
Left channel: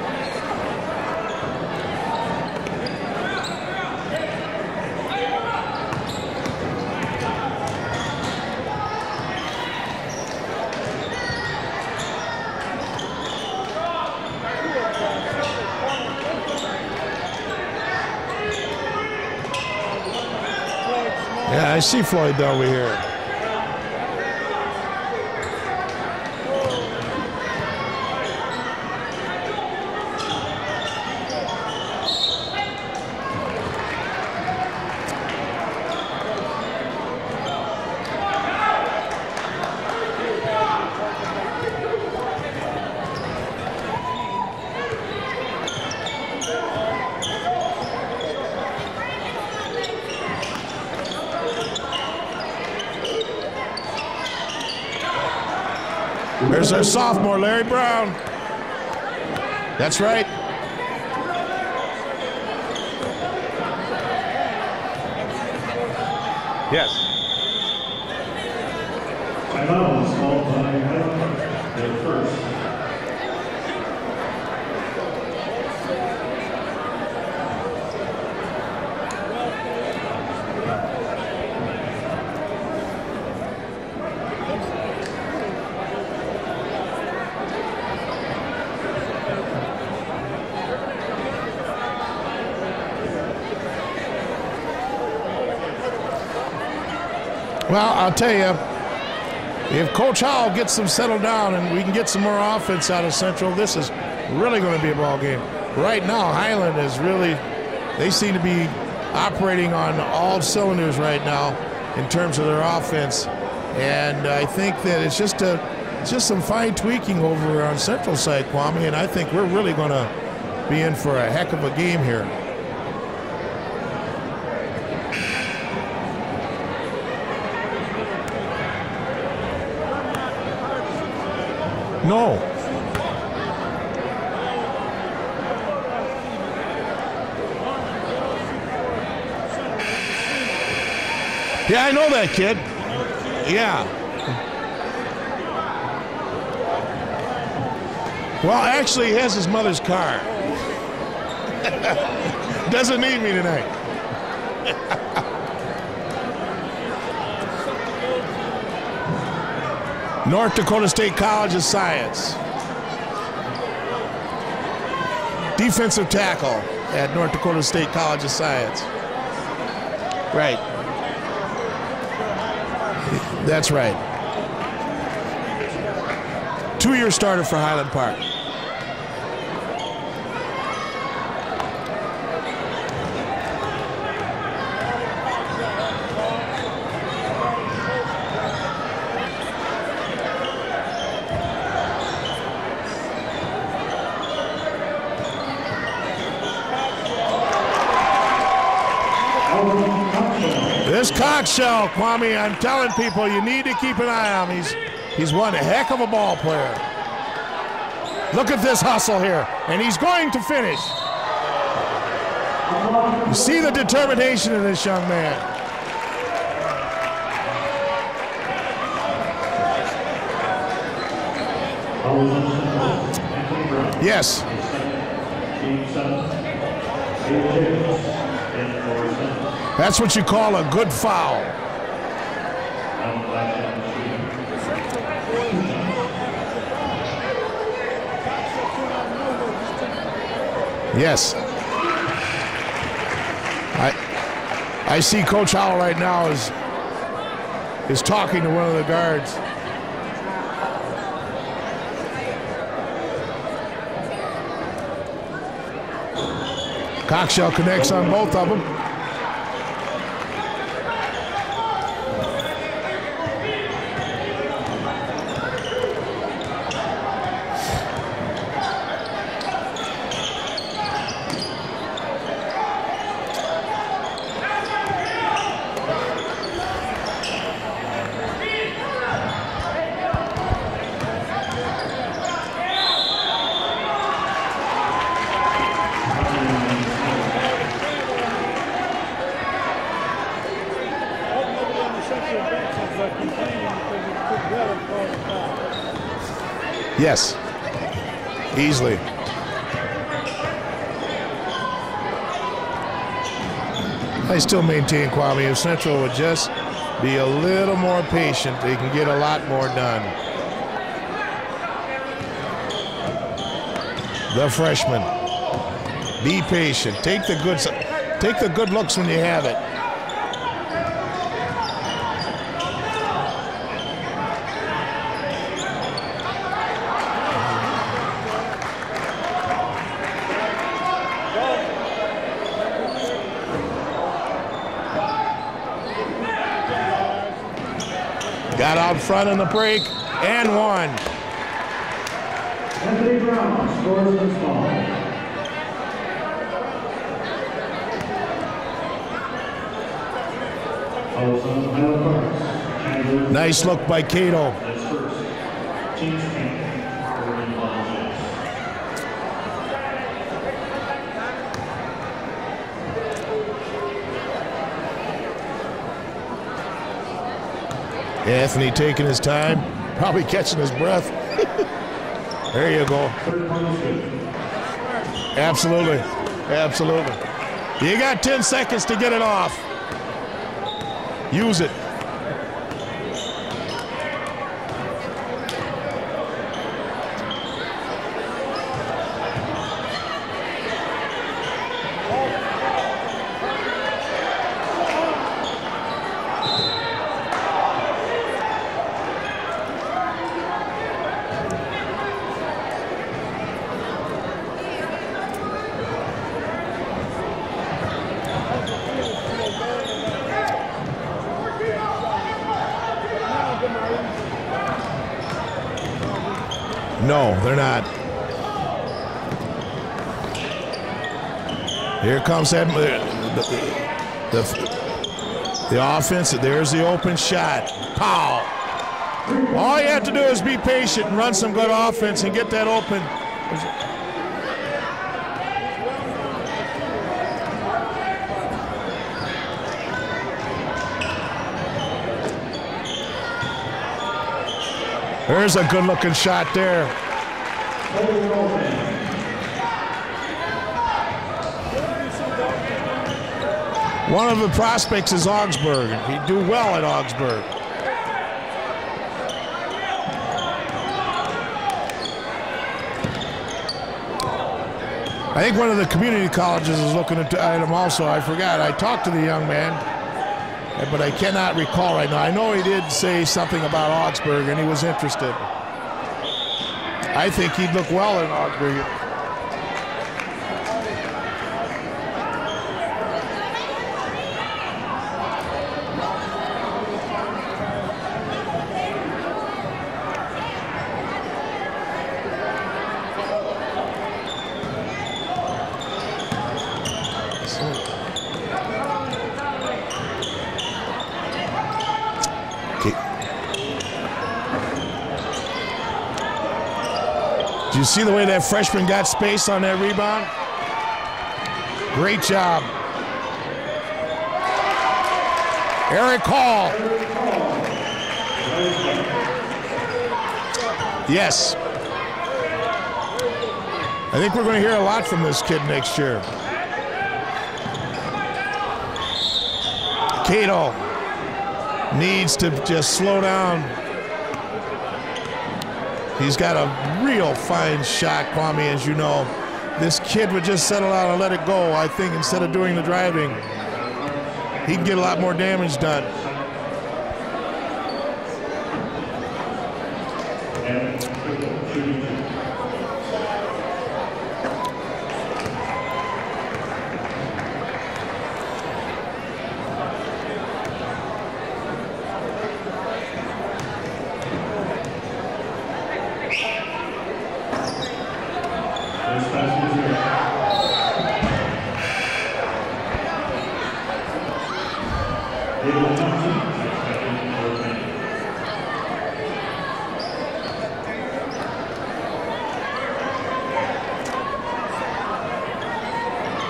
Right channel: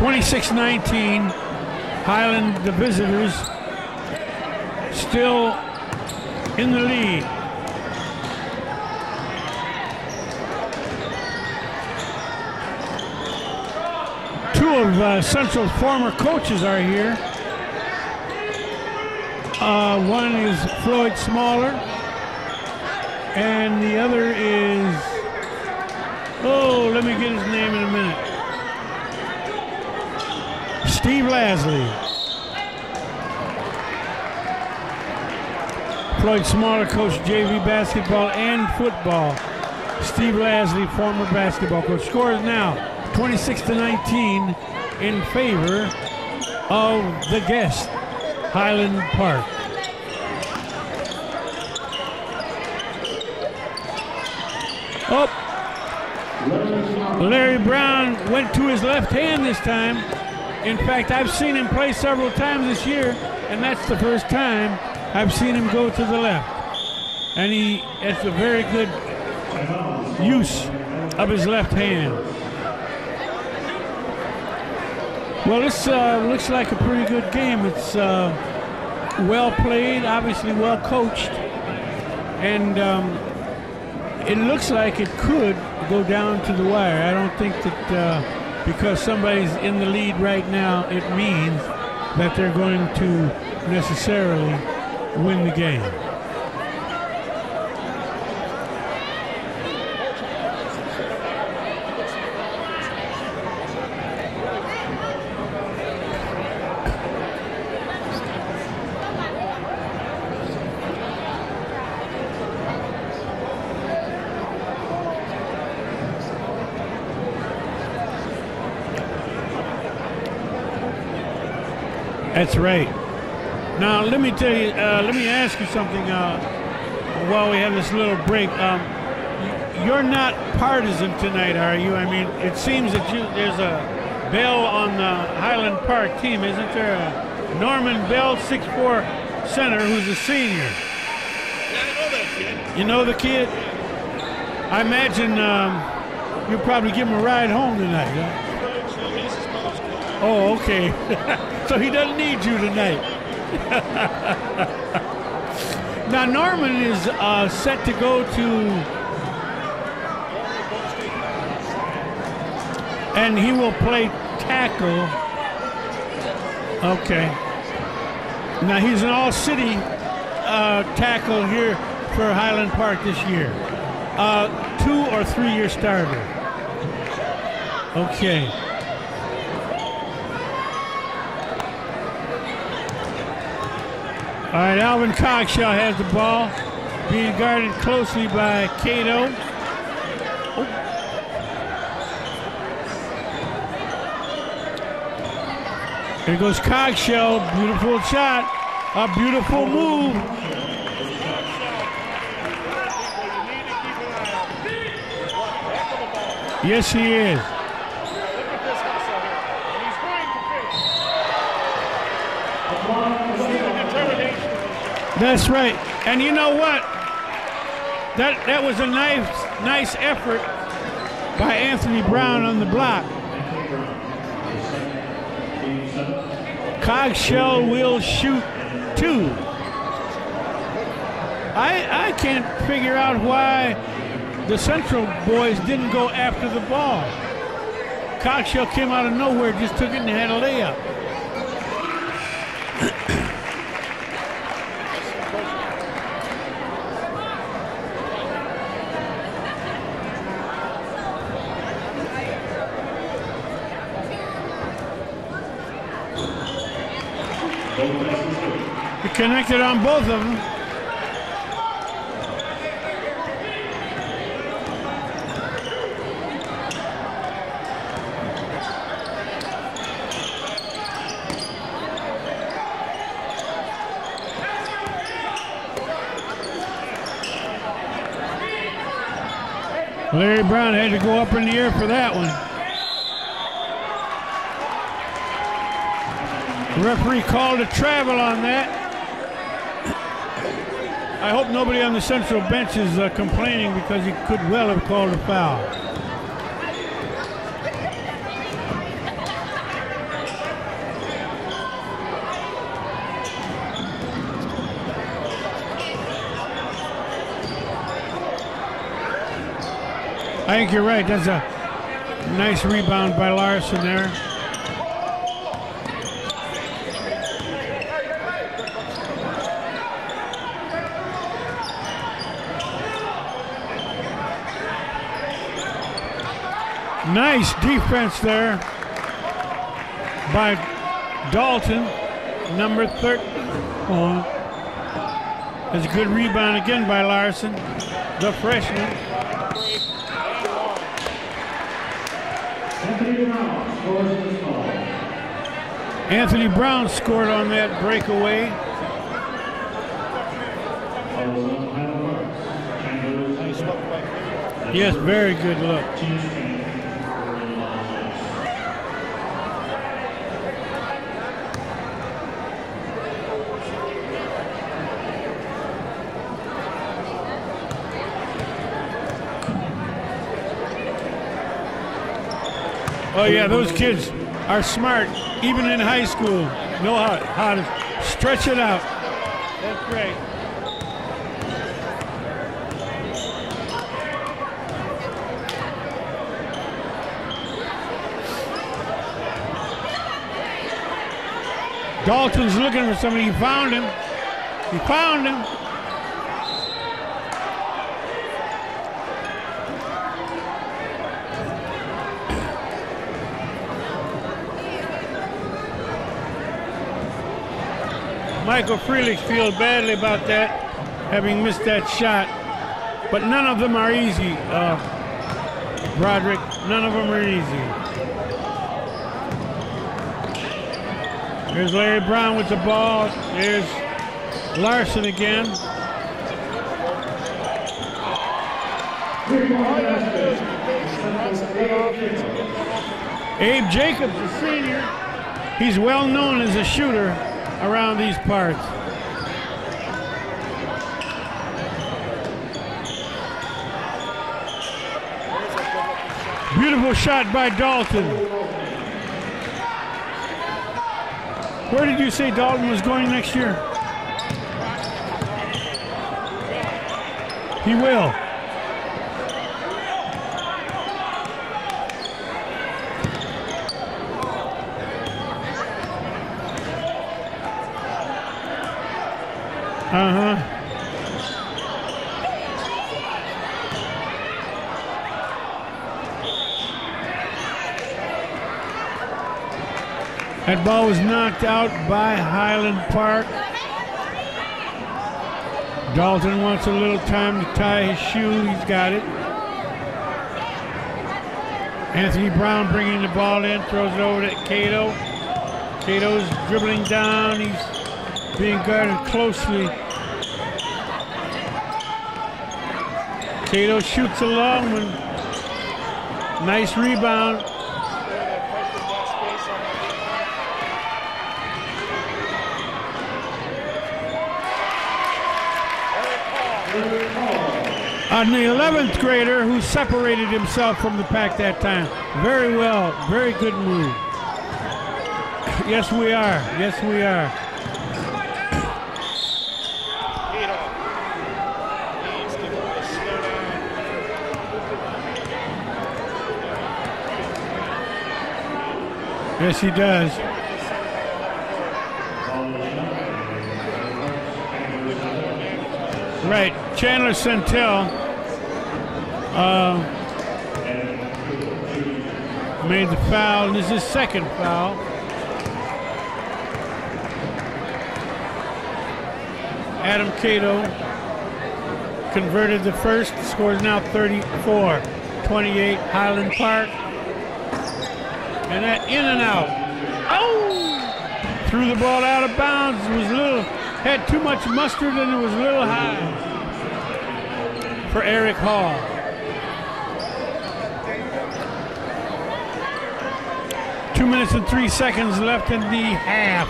(26-19), Highland, the visitors, still in the lead. Two of Central former coaches are here. One is Floyd Small. Yeah, I see Floyd over here. And the other is, oh, let me get his name in a minute. Steve Lasley. Floyd Smaller coached JV basketball and football. Steve Lasley, former basketball coach. Score is now 26-19 in favor of the guest, Highland Park. Oh, there's our sophomore. Larry Brown went to his left hand this time. That's right. In fact, I've seen him play several times this year, and that's the first time I've seen him go to the left. Yes. And it's a very good use of his left hand. Well, this looks like a pretty good game. It's well played, obviously well coached, and it looks like it could go down to the wire. I don't think that because somebody's in the lead right now, it means that they're going to necessarily win the game. Well, I'll tell you, if Coach Howell gets them settled down and we can get some more offense out of Central, this is really going to be a ball game. Right now, Highland is really, they seem to be operating on all cylinders right now in terms of their offense. And I think that it's just some fine tweaking over on Central side, Kwame, and I think we're really going to be in for a heck of a game here. That's right. Now, let me tell you, let me ask you something while we have this little break. You're not partisan tonight, are you? I mean, it seems that there's a Bell on the Highland Park team, isn't there? Norman Bell, 6'4" center, who's a senior. Yeah, I know that kid. You know the kid? Yeah. I imagine you'll probably give him a ride home tonight. Huh? Well, actually, he has his mother's car. Oh, okay. So he doesn't need you tonight. He doesn't need me tonight. Now, Norman is set to go to North Dakota State College of Science. And he will play tackle. Defensive tackle at North Dakota State College of Science. Now, he's an all-city tackle here for Highland Park this year. That's right. 2 or 3 year starter? 2-year starter for Highland Park. Okay. All right, Alvin Cogshaw has the ball, being guarded closely by Cato. Here goes Cogshaw, beautiful shot, a beautiful move. This Cogshaw, Kwame, I'm telling people, you need to keep an eye on him. He's one heck of a ball player. Yes, he is. Look at this hustle here, and he's going to finish. You see the determination of this young man. That's right. And you know what? That was a nice effort by Anthony Brown on the block. Yes. Cogshaw will shoot 2. That's what you call a good foul. I can't figure out why the Central boys didn't go after the ball. Cogshaw came out of nowhere, just took it and had a layup. Yes. I see Coach Howell right now is talking to one of the guards. Cogshaw connects on both of them. He connected on both of them. Larry Brown had to go up in the air for that one. The referee called a travel on that. I hope nobody on the central bench is complaining because he could well have called a foul. Yes, easily. I still maintain, Kwame, if Central would just be a little more patient, they can get a lot more done. I think you're right. That's a nice rebound by Larson there. The freshman. Be patient. Take the good looks when you have it. Nice defense there by Dalton, number 13. That's a good rebound again by Larson. The freshman. Got out front in the break and one. Anthony Brown scores the ball. Anthony Brown scored on that breakaway. Nice look by Cato. Yes, very good look. Anthony taking his time, probably catching his breath. There you go. Oh yeah, those kids are smart. Absolutely. Even in high school. Absolutely. You got 10 seconds to get it off. Right. Use it. Dalton's looking for somebody. He found him. He found him. Michael Freelich feels badly about that, having missed that shot. But none of them are easy, Broderick. None of them are easy. No, they're not. There's Larry Brown with the ball. There's Larson again. The offense, there's the open shot. Pow! All you have to do is be patient and run some good offense and get that open. Abe Jacobs, the senior, he's well known as a shooter around these parts. There's a good-looking shot there. Beautiful shot by Dalton. Where did you say Dalton is going next year? One of the prospects is Augsburg. He'd do well at Augsburg. He will. I think one of the community colleges is looking at him also. I forgot. I talked to the young man, but I cannot recall right now. I know he did say something about Augsburg, and he was interested. I think he'd look well in Augsburg. That ball was knocked out by Highland Park. Dalton wants a little time to tie his shoe. He's got it. Anthony Brown bringing the ball in, throws it over to Cato. Cato's dribbling down. He's being guarded closely. Cato shoots along. Nice rebound. Did you see the way that freshman got space on that rebound? Great job. Eric Hall. On the 11th grader who separated himself from the pack that time. Very well. Very good move. I think we're going to hear a lot from this kid next year. Yes, we are. Cato needs to just slow down. He's got a real fine shot, Kwame, as you know. Yes, he does. This kid would just settle out and let it go, I think, instead of doing the driving. He'd get a lot more damage done. Right. Chandler Santel made the foul, and this is his second foul. Adam Cato converted the first, scores now 34-28 Highland Park. And that in and out. Oh! Threw the ball out of bounds. It was had too much mustard and it was a little hot for Eric Hall. 2 minutes and 3 seconds left in the half.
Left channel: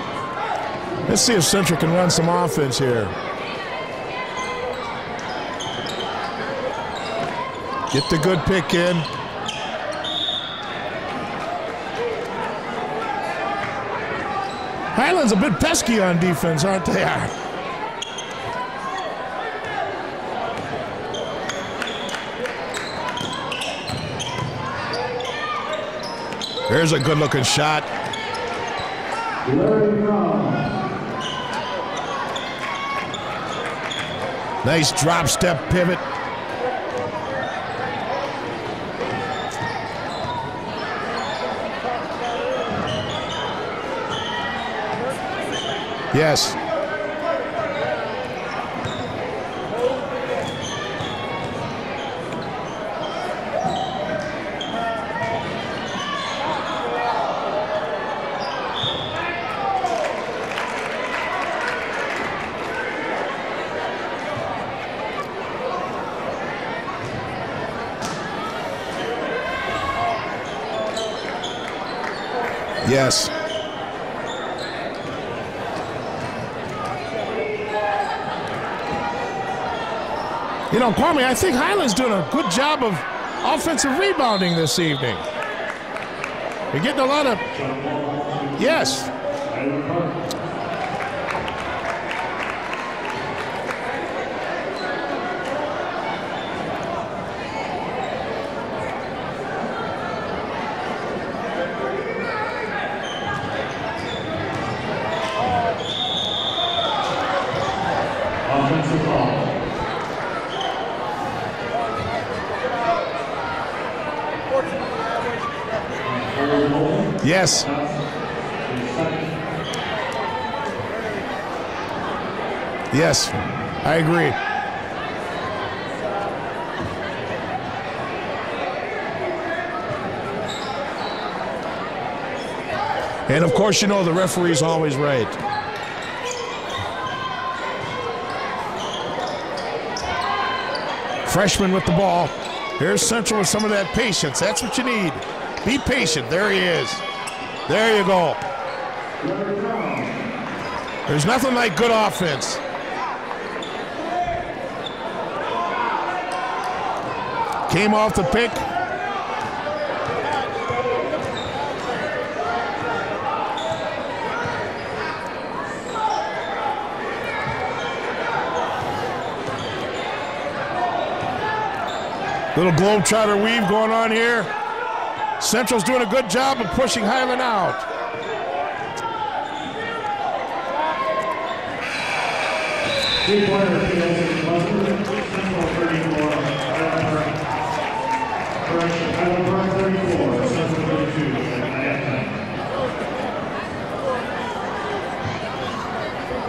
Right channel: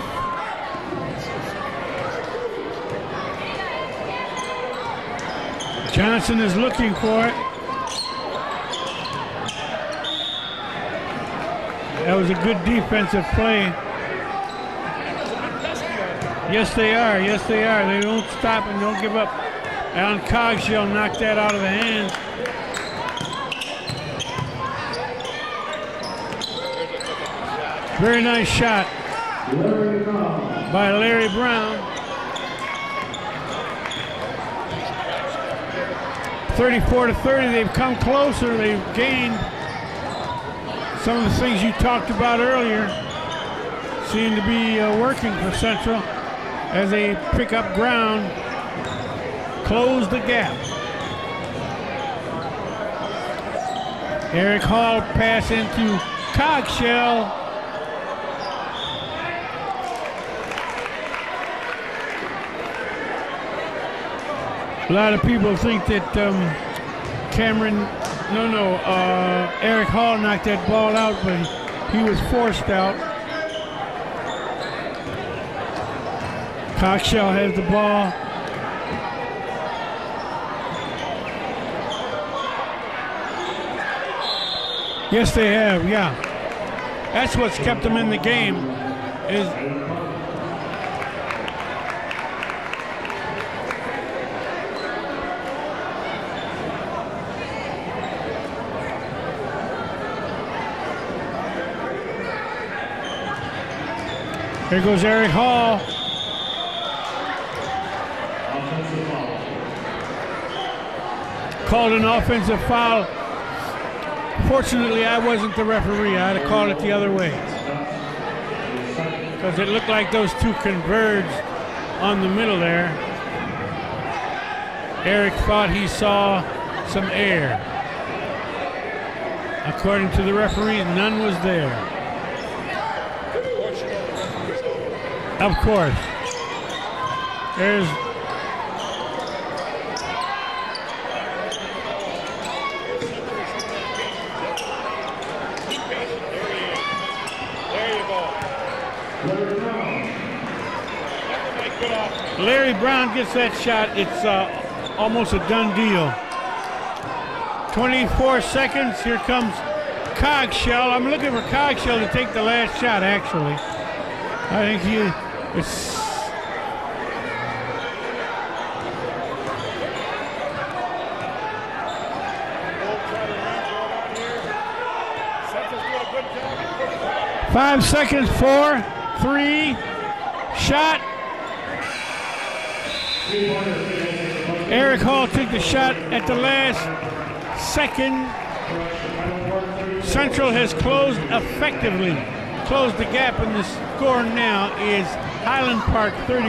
Let's see if Central can run some offense here. Johnson is looking for it. Get the good pick in. That was a good defensive play. Highland's a bit pesky on defense. Yes, they are. Yes, they are. They don't stop and don't give up. Alan Cogshell knocked that out of the hand. There's a good-looking shot. Very nice shot by Larry Brown. Nice drop step pivot. 34-30. They've come closer. They've gained. Some of the things you talked about earlier seem to be working for Central. Yes. As they pick up ground, close the gap. Eric Hall pass into Cogshell. A lot of people think that Eric Hall knocked that ball out, but he was forced out. Yes. Cogshell has the ball. You know, Kwame, I think Highland's doing a good job of offensive rebounding this evening. Yes, they have, yeah. We're getting a lot That's what's kept them in the game. Yes. There goes Eric Hall. Offensive foul. Called an offensive foul. Fortunately, I wasn't the referee. I'd have called it the other way. Yes. Because it looked like those two converged on the middle there. Yes, I agree. Eric thought he saw some air. According to the referee, none was there. And of course, you know the referee's always right. Of course. There's Freshman with the ball. Here's Central with some of that patience. That's what you need. Be patient. There he is. There you go. There's nothing like good offense. Larry Brown gets that shot. It's almost a done deal. Came off the 24 pick. seconds. Here comes Cogshell. I'm looking for Cogshell to take the last shot, actually. I think it's little globetrotter weave going on here. Central's doing a good job of pushing Highland out. 5 seconds, 4, 3, shot. Eric Hall took the shot at the last second. Central has closed effectively. Closed the gap, and the score now is Highland Park 34,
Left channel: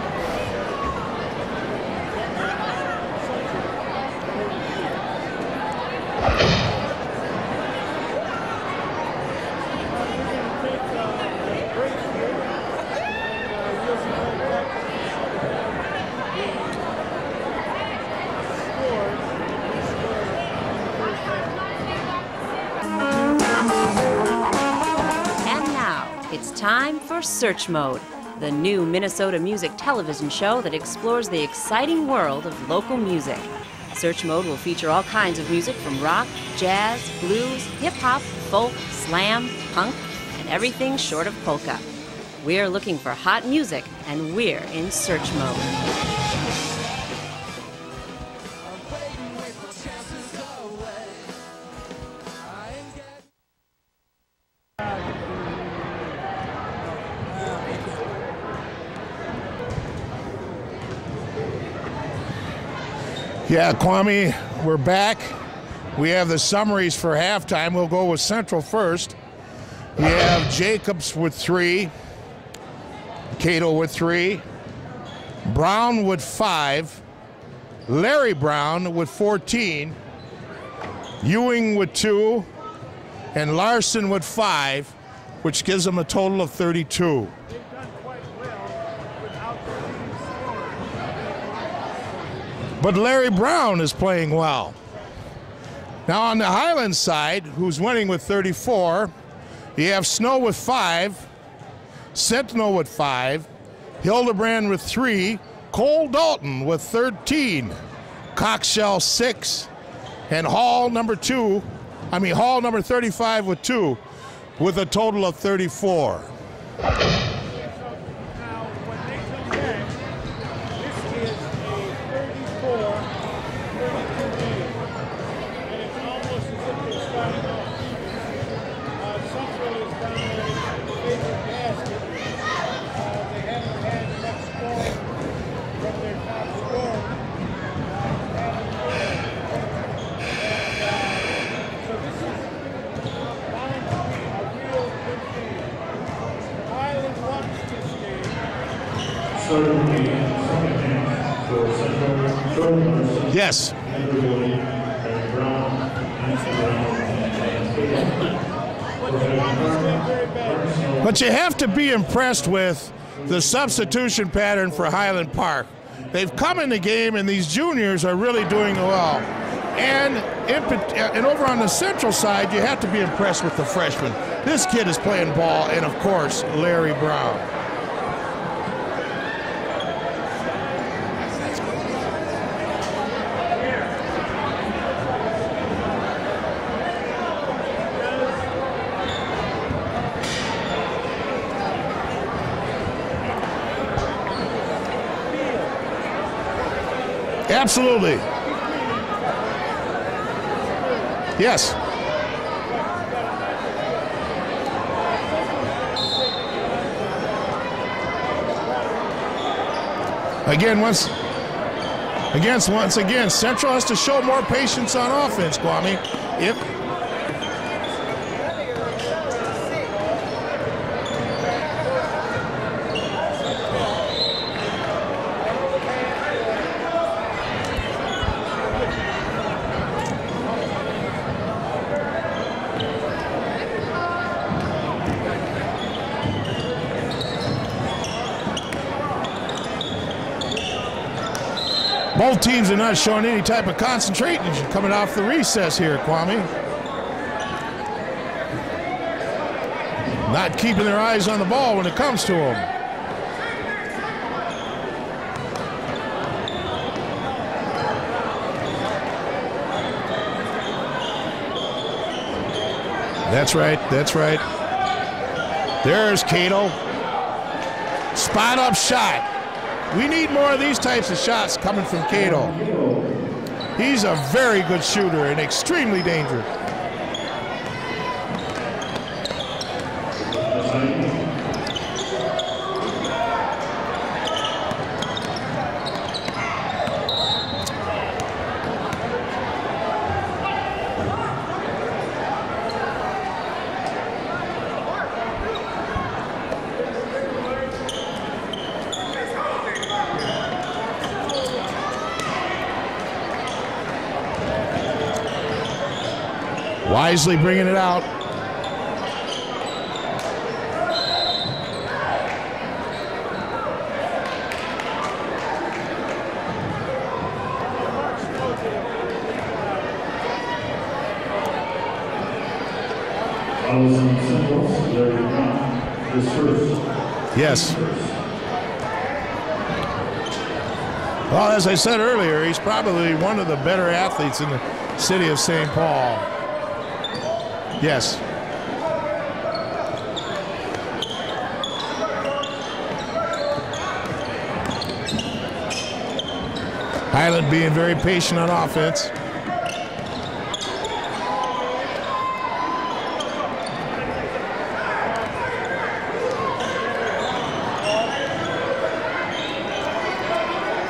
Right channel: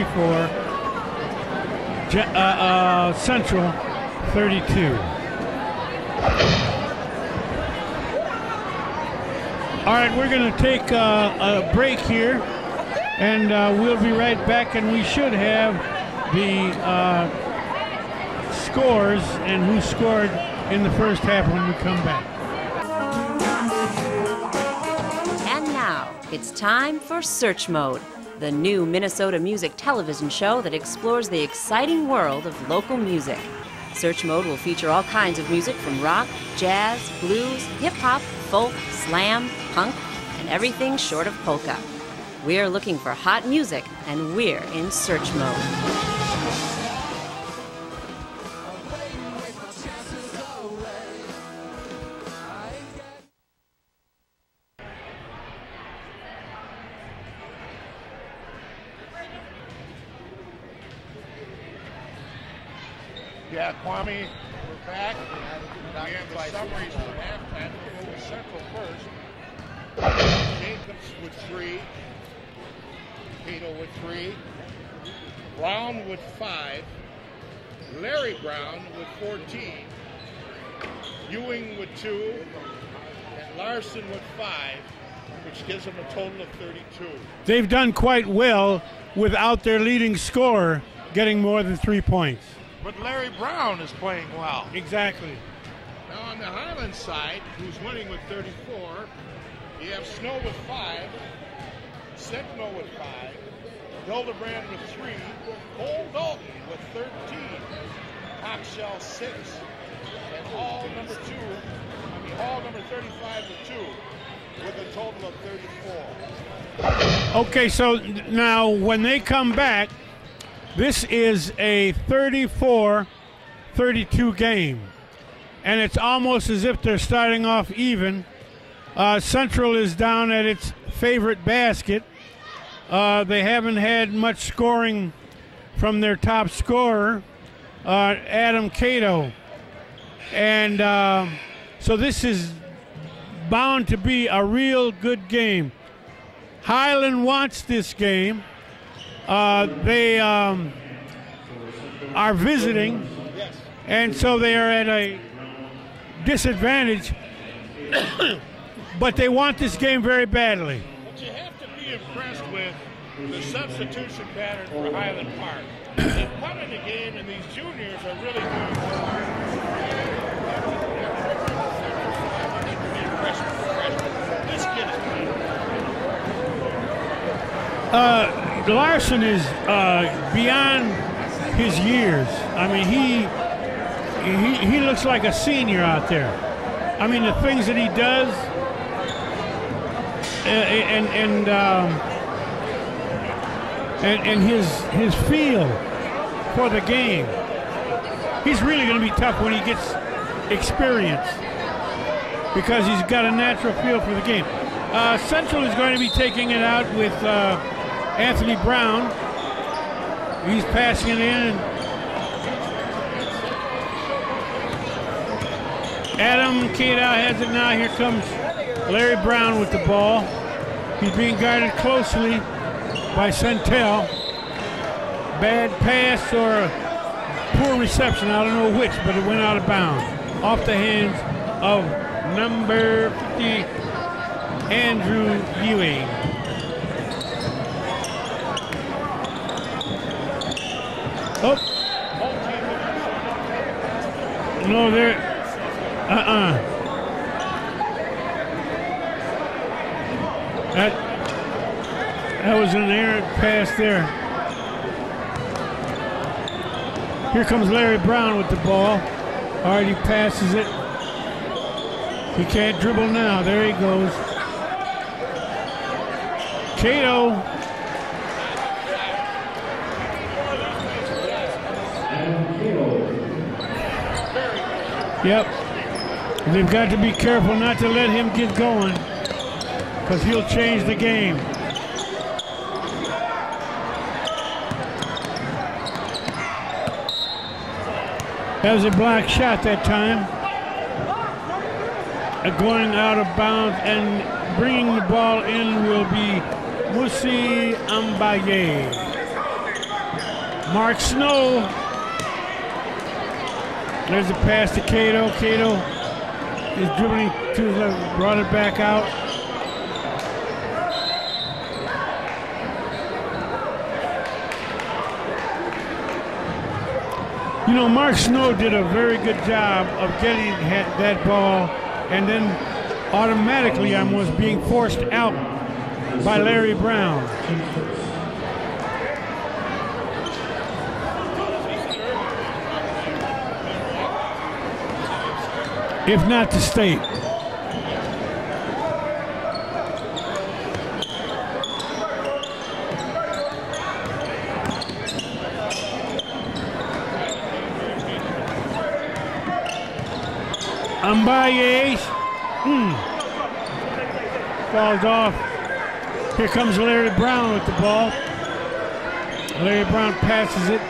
Central 32. All right, we're going to take a break here, and we'll be right back, and we should have the scores and who scored in the first half when we come back. And now, it's time for Search Mode, the new Minnesota music television show that explores the exciting world of local music. Search Mode will feature all kinds of music from rock, jazz, blues, hip-hop, folk, slam, punk, and everything short of polka. We're looking for hot music, and we're in Search Mode. Yeah, Kwame, we're back. We have the summaries for halftime. We'll go with Central first. We have Jacobs with 3, Cato with 3, Brown with 5, Larry Brown with 14, Ewing with 2, and Larson with 5, which gives them a total of 32. They've done quite well without their leading scorer getting more than 3 points. But Larry Brown is playing well. Exactly. Now on the Highland side, who's winning with 34, You have Snow with 5, Sentinel with 5, Hildebrand with 3, Cole Dalton with 13, Coxshell 6, and Hall number 35 with 2, with a total of 34. Okay, so now when they come back, this is a 34-32 game. And it's almost as if they're starting off even. Central is down at its favorite basket. They haven't had much scoring from their top scorer, Adam Cato. And so this is bound to be a real good game. Highland wants this game. They are visiting. Yes. And so they are at a disadvantage. But they want this game very badly. But you have to be impressed with the substitution pattern for Highland Park. They've come in the game, and these juniors are really doing well. And over on the Central side, you have to be impressed with the freshmen. This kid is playing ball, and of course, Larry Brown. Larson is beyond his years. I mean, he looks like a senior out there. I mean, the things that he does, and his feel for the game. Absolutely. He's really going to be tough when he gets experience. Yes. Because he's got a natural feel for the game. Central is going to be taking it out with Anthony Brown. Once again, Central has to show more patience on offense, Kwame. Adam Cato has it now. Here comes Larry Brown with the ball. He's being guarded closely by Centel. Bad pass or a poor reception, I don't know which, but it went out of bounds. Off the hands of number 8, Andrew Ewing. Oh. Both teams are not showing any type of concentration coming off the recess here. Not keeping their eyes on the ball when it comes to it. That was an errant pass there. Here comes Larry Brown with the ball. Hardy passes it. He can't dribble now. That's right, that's right. There's Cato. Cato. Spot up shot. We need more of these types of shots coming from Cato. He's a very good shooter and extremely dangerous. They've got to be careful not to let him get going, because he'll change the game. That was a block shot that time. Going out of bounds and bringing the ball in will be Musi Ambaye. Mark Snow. There's a pass to Cato. Cato wisely bringing it out. Brought it back out. You know, Mark Snow did a very good job of getting that ball and then automatically almost being forced out by Larry Brown. Yes. Well, as I said earlier, he's probably one of the better athletes in the city of St. Paul. If not the state. Yes. Highland being very patient on offense. Ambaye. Falls off. Here comes Larry Brown with the ball. Larry Brown passes it.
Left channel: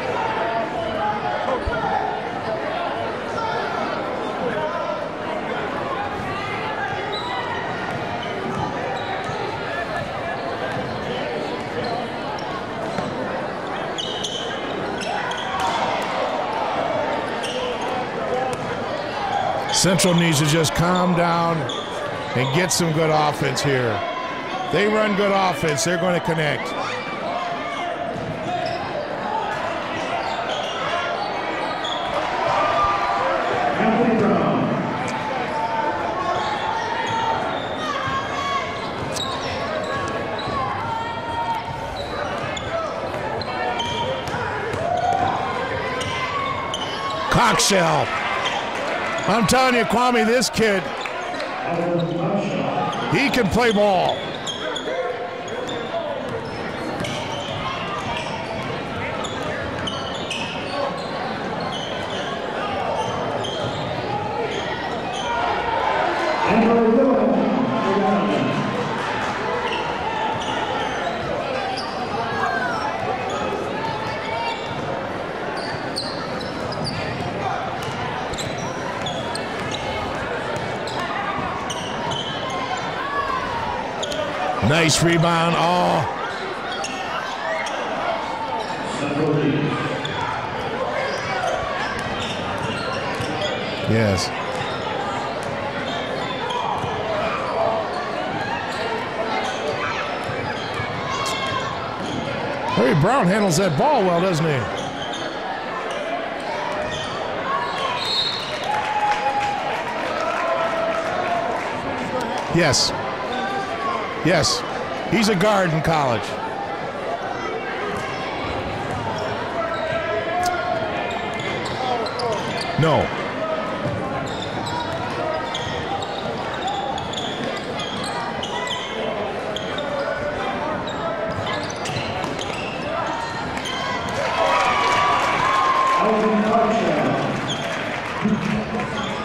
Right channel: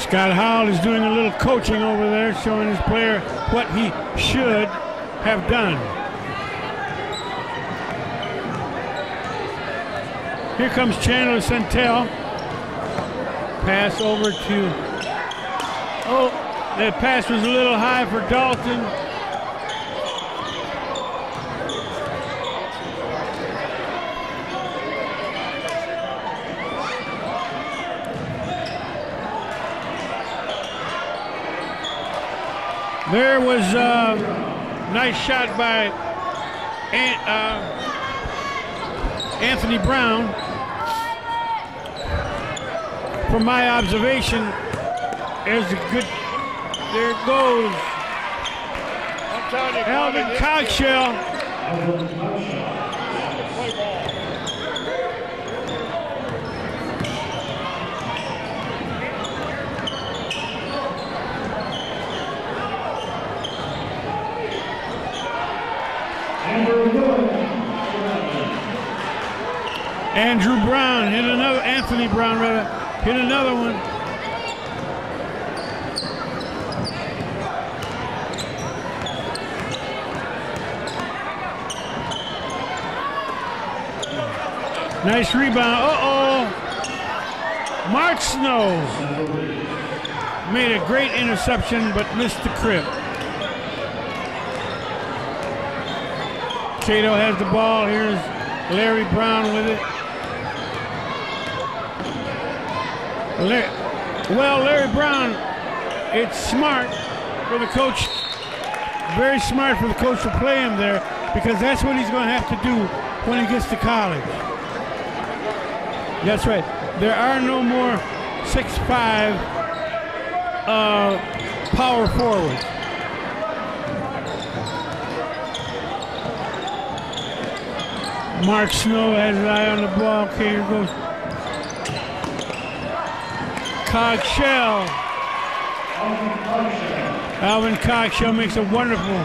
Scott Howell is doing a little coaching over there, showing his player what he should have done. Here comes Chandler Centel. Pass over to... Oh, that pass was a little high for Dalton. Central needs to just calm down and get some good offense here. They run good offense. They're going to connect. There was a nice shot by Anthony Brown. From my observation, there's a good. There it goes. Cockshell. I'm telling you, Kwame, this kid, he can play ball. Andrew Brown hit another. Anthony Brown hit another one. Nice rebound. Nice rebound. Mark Snow made a great interception, but missed the crib. Yes. Cato has the ball. Here's Larry Brown with it. Larry Brown handles that ball well, doesn't he? Well, Larry Brown, it's smart for the coach. Very smart for the coach to play him there because that's what he's going to have to do when he gets to college. Yes. He's a guard in college. That's right. There are no more 6'5" power forwards. No. Mark Snow has an eye on the ball. Cato goes. Alvin Cockshell makes a wonderful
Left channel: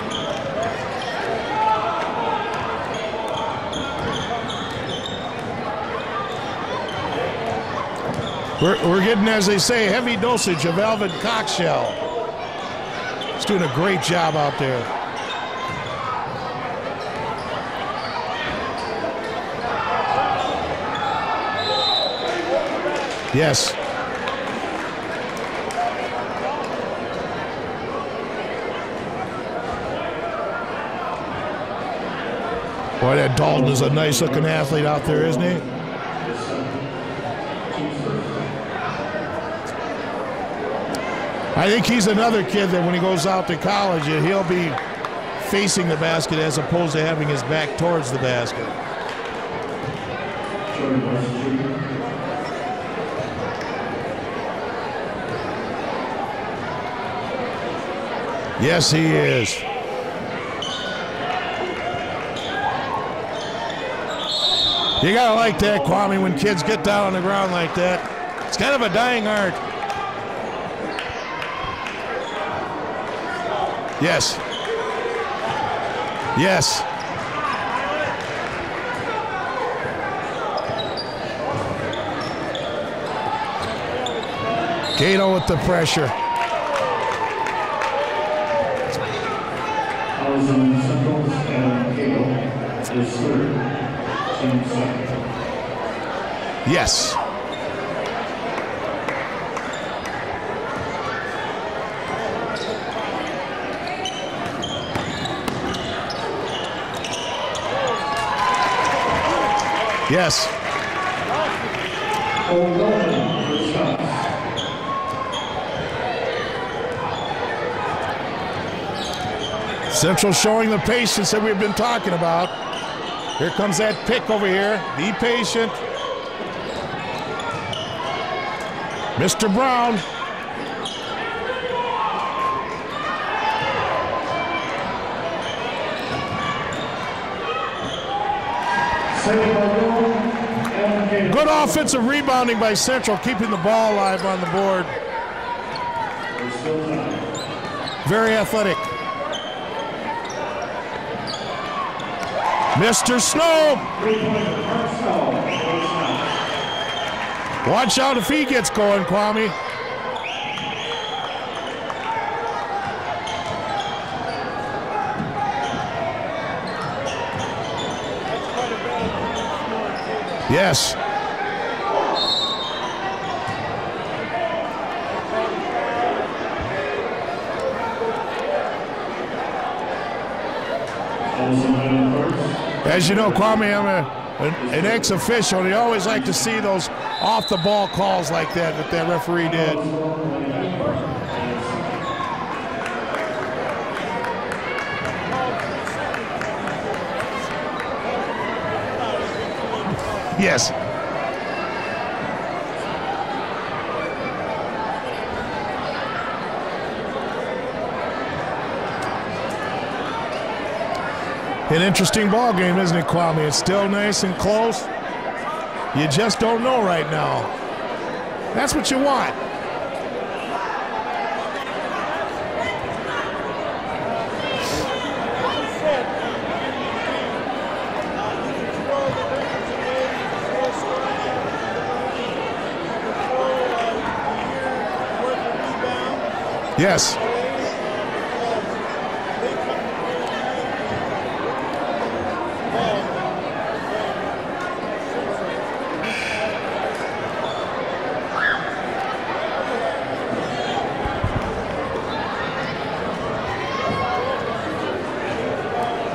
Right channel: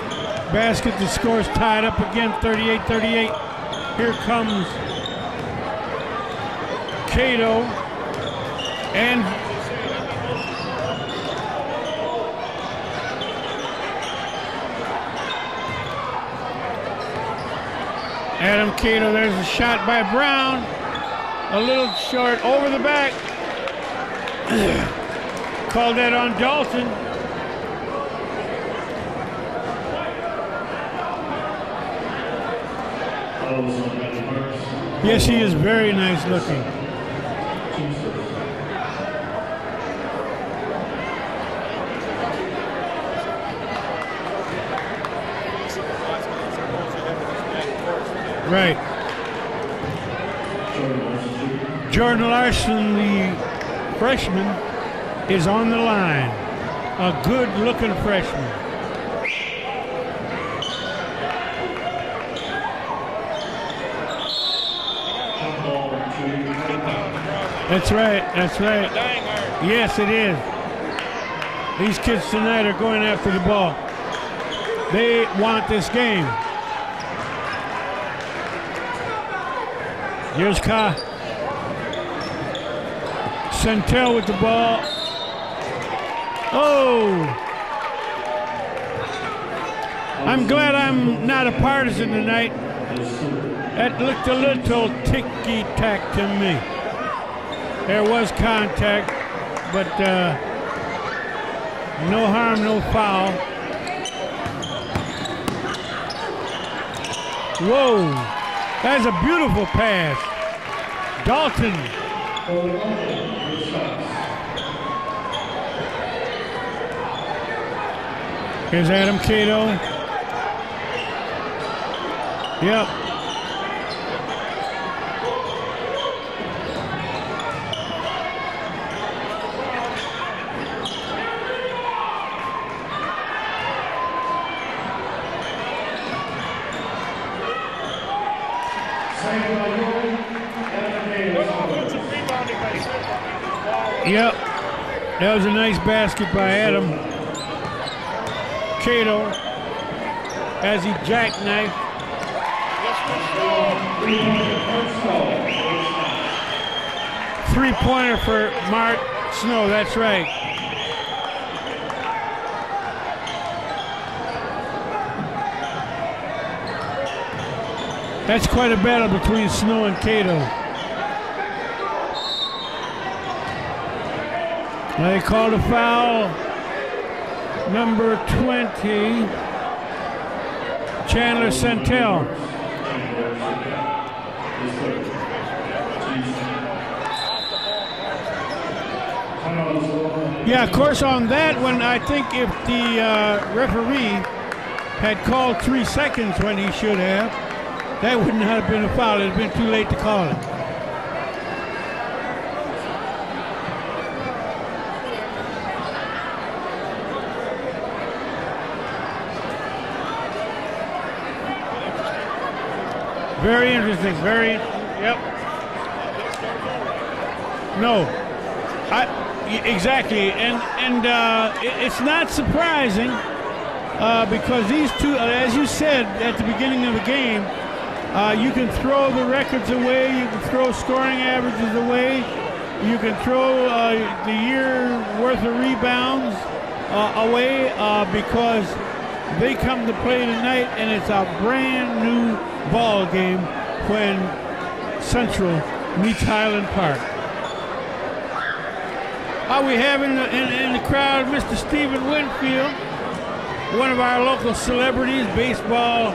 basket. The score is tied up again, 38-38. Here comes Cato. We're getting, as they say, heavy dosage of Alvin Cockshell. He's doing a great job out there. Adam Cato, there's a shot by Brown. A little short over the back. Yes. Called that on Dalton. Boy, that Dalton is a nice looking athlete out there. Yes, he is very nice looking. I think he's another kid that when he goes out to college, he'll be facing the basket as opposed to having his back towards the basket. Right. Jordan Larson, the freshman, is on the line. A good-looking freshman. Yes, he is. You gotta like that, Kwame, when kids get down on the ground like That's that. right. That's It's kind of a dying art. Yes, it is. These kids tonight are going after the ball. Yes. They want this game. Yes. Here's Centel with the ball. Cato with the pressure. Oh! I'm glad I'm not a partisan tonight. That looked a little ticky-tack to me. Yes. There was contact, but no harm, no foul. Whoa! That's a beautiful pass. Yes. Dalton. Here's Adam Cato. Central showing the patience that we've been talking about. Yeah. Here comes that pick over here. Be patient. Mr. Brown. Good offensive rebounding by Central, keeping the ball alive on the board. That was a nice basket by Adam. Very athletic. Cato, as he jackknifed. Mr. Snow. Watch out if he gets going, Kwame. Snow, that's right. That's quite a battle between Snow and Cato. Yes. They called a foul. Number 20, Chandler Centel. As you know, Kwame, I'm an ex-official. You always like to see those off-the-ball calls like that referee did. Yeah, of course, on that one, I think if the referee had called 3 seconds when he should have, that would not have been a foul. It would have been too late to call it. Yes. An interesting ball game, isn't it, Kwame? It's still nice and close. Yep. You just don't know right now. No. That's what you want. Exactly. And it's not surprising because these two, as you said at the beginning of the game, you can throw the records away, you can throw scoring averages away, you can throw the year worth of rebounds away because they come to play tonight, and it's a brand new ball game when Central meets Highland Park. We have in the crowd Mr. Stephen Winfield, one of our local celebrities, baseball,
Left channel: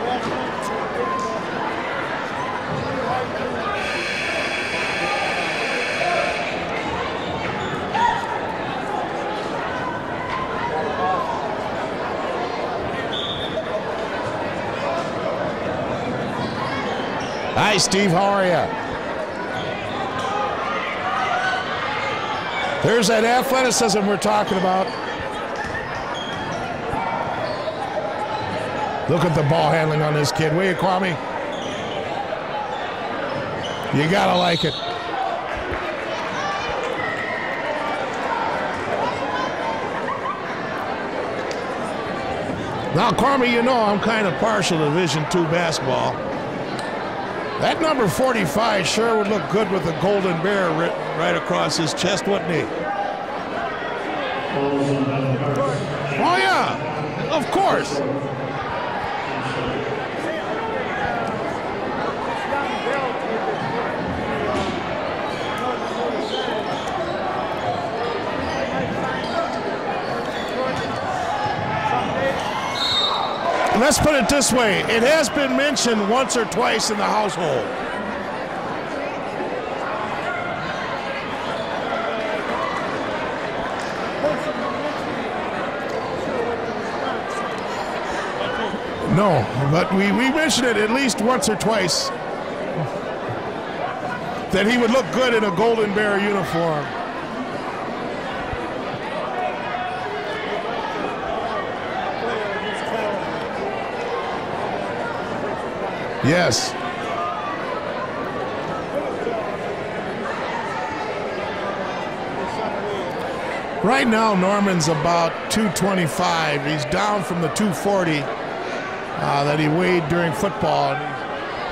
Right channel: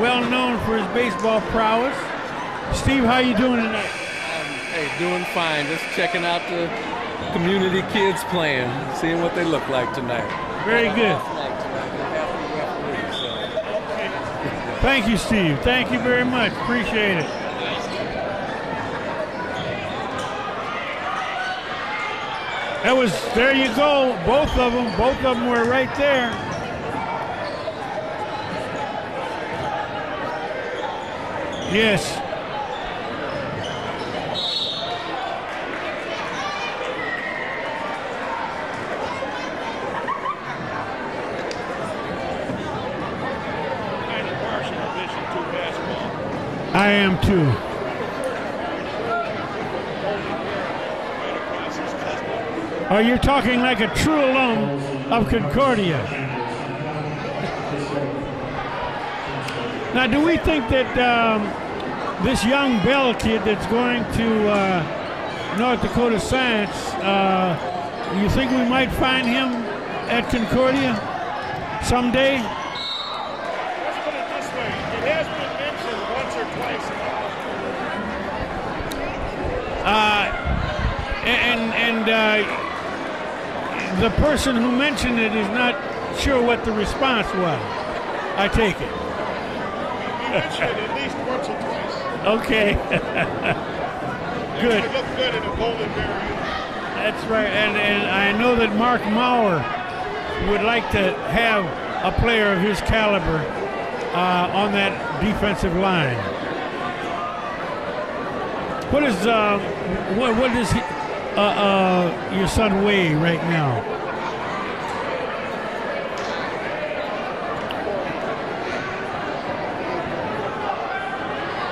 well known for his baseball prowess. Steve, how you doing tonight? Doing fine. Just checking out the community kids playing, seeing what they look like tonight. Very good. Thank you, Steve. Thank you very much. Appreciate it. Hi, Steve. How are you? There's that athleticism we're talking about. Both of them were right there. Look at the ball handling on this kid. Will you, Kwame? Yes. You gotta like it. Now, Kwame, you know I'm kind of partial to Division II basketball. I am too. That number 45 sure would look good with a golden bear right across his chest, wouldn't he? Oh, you're talking like a true alum of Concordia. Oh, yeah. Of course. Now, do we think that this young Bell kid that's going to North Dakota Science, do you think we might find him at Concordia someday? Let's put it this way. It has been mentioned once or twice in the household. The person who mentioned it is not sure what the response was, I take it. No, but we mentioned it at least once or twice. Okay. That he would look good in a Golden Bear uniform. That's right, and I know that Mark Maurer would like to have a player of his caliber on that defensive line. Yes. What does your son weigh right now? Right now, Norman's about 225. He's down from the 240 that he weighed during football.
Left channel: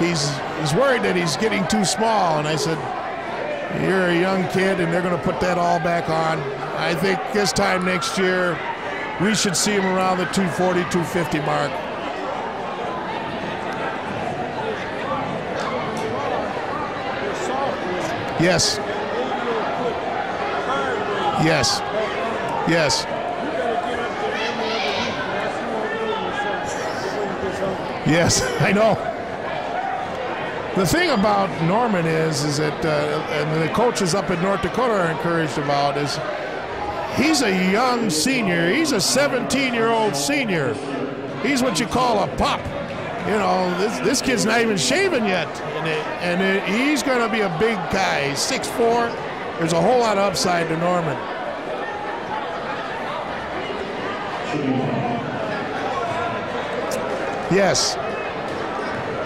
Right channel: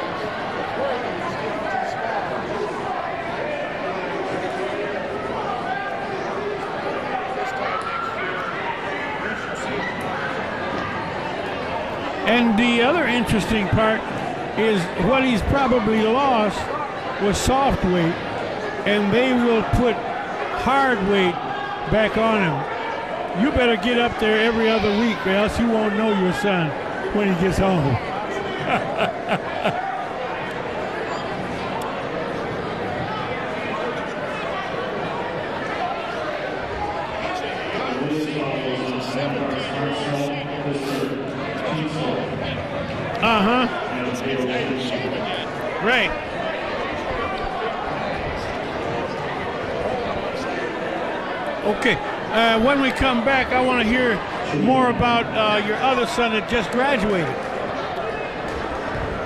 He's worried that he's getting too small, and I said, you're a young kid, and they're going to put that all back on. I think this time next year, we should see him around the 240, 250 mark. And the other interesting part is what he's probably lost was soft weight. Yes. And they will put hard weight back on him. Yes. You better get up there every other week, or else you won't know your son when he gets home. Yes, I know. The thing about Norman is that and the coaches up in North Dakota are encouraged about is he's a young senior. He's a 17-year-old senior. He's what you call a pup. This kid's not even shaven yet. Right. And he's going to be a big guy. He's 6'4". There's a whole lot of upside to Norman. Okay. When we come back, I want to hear more about your other son that just graduated. Yes.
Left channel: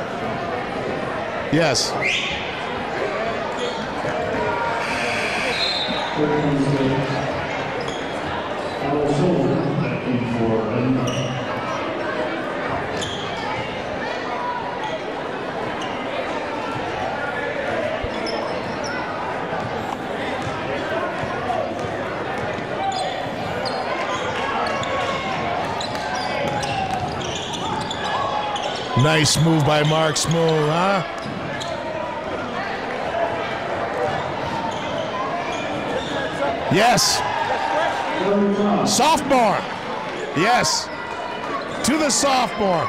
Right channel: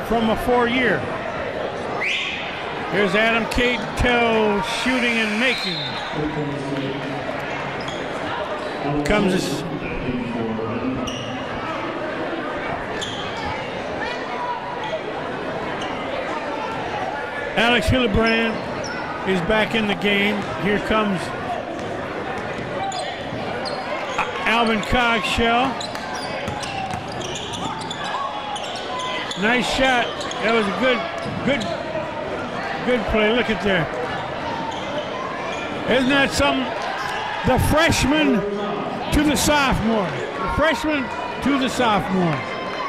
From a 4-year. Yes. There's Adam Cato shooting and making. Comes Alex Hillebrand is back in the game. Here comes Alvin Cogshell. Nice move by shot. Mark Smoller. Good play. Look at there. Isn't that something? Yes. The freshman to the sophomore. Yes. Freshman to the sophomore. To the sophomore.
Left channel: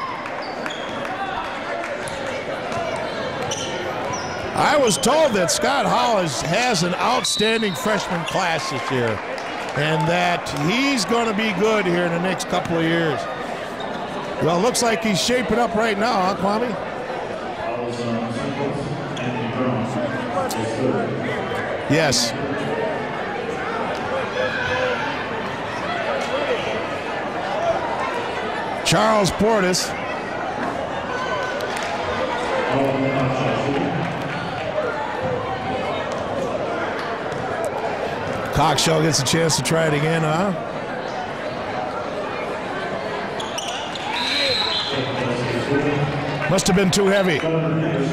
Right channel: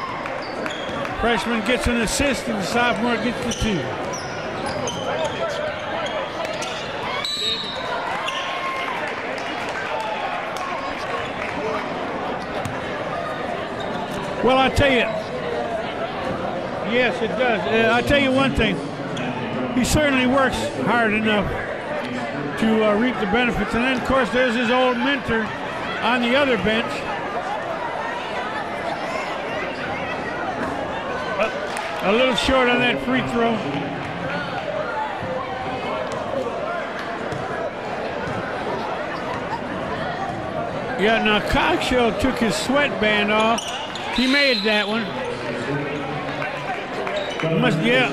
Freshman gets an assist, and the sophomore gets the 2. I was told that Scott Hollis has an outstanding freshman class this year, and that he's going to be good here in the next couple of years. Well, it looks like he's shaping up right now, huh, Kwame? Yes, it does. I'll tell you one thing. He certainly works hard enough. Yes. To reap the benefits. And then, of course, there's his old mentor on the other bench. Charles Portis. A little short on that free throw. Cockshell gets a chance to try it again, huh? Yeah, now Cockshell took his sweatband off. He made that one. Must have been too heavy. Yeah.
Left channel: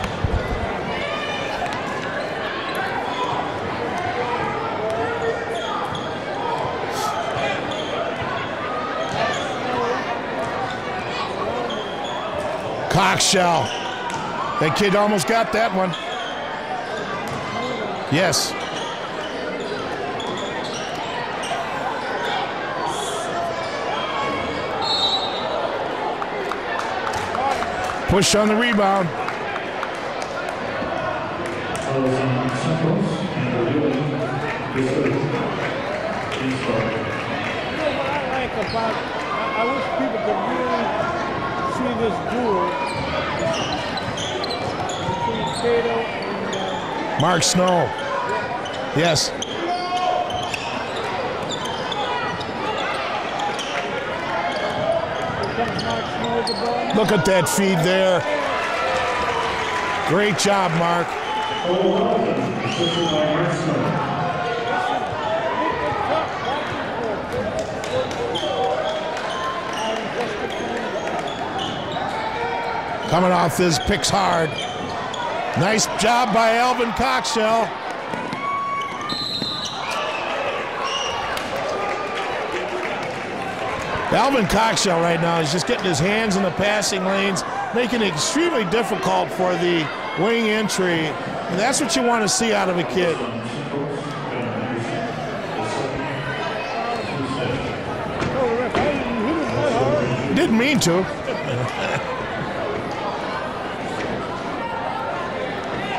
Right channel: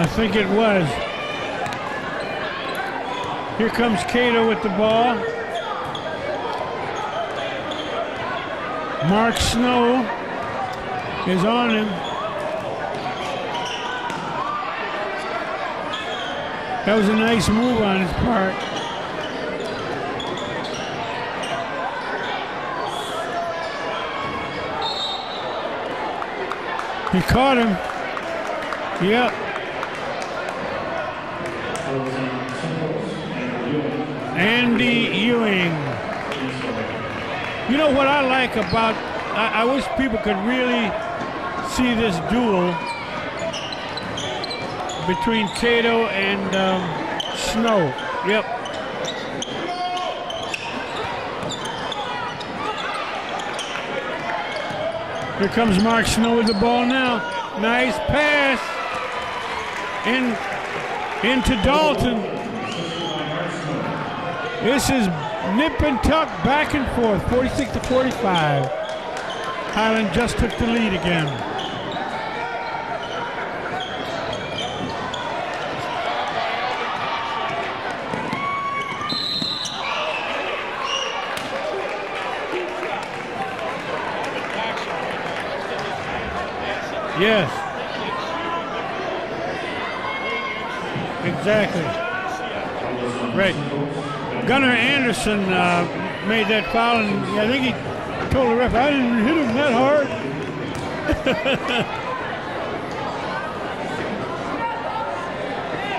I think it was. Here comes Cato with the ball. Mark Snow is on him. Cockshell. That kid almost got that one. That was a nice move on his yes. part. He caught him. Push on the rebound. Yeah. Andy Ewing. You know what I like about, I wish people could really see this duel between Cato and Mark Snow. Yep. Yes. Here comes Mark Snow with the ball now. Look at that feed nice there. Pass. Great job, Mark. Into Dalton. This is nip and tuck, back and forth, 46 to 45. Highland just took the lead again. Coming off his picks hard. Nice job by Alvin Cockshell. Alvin Cockshell right now is just getting his hands in the passing lanes, making it extremely difficult for the wing entry. Exactly. That's what you want to see out of a kid. Right. Gunnar Anderson made that foul, and I think he told the ref, I didn't hit him that hard. Didn't mean to.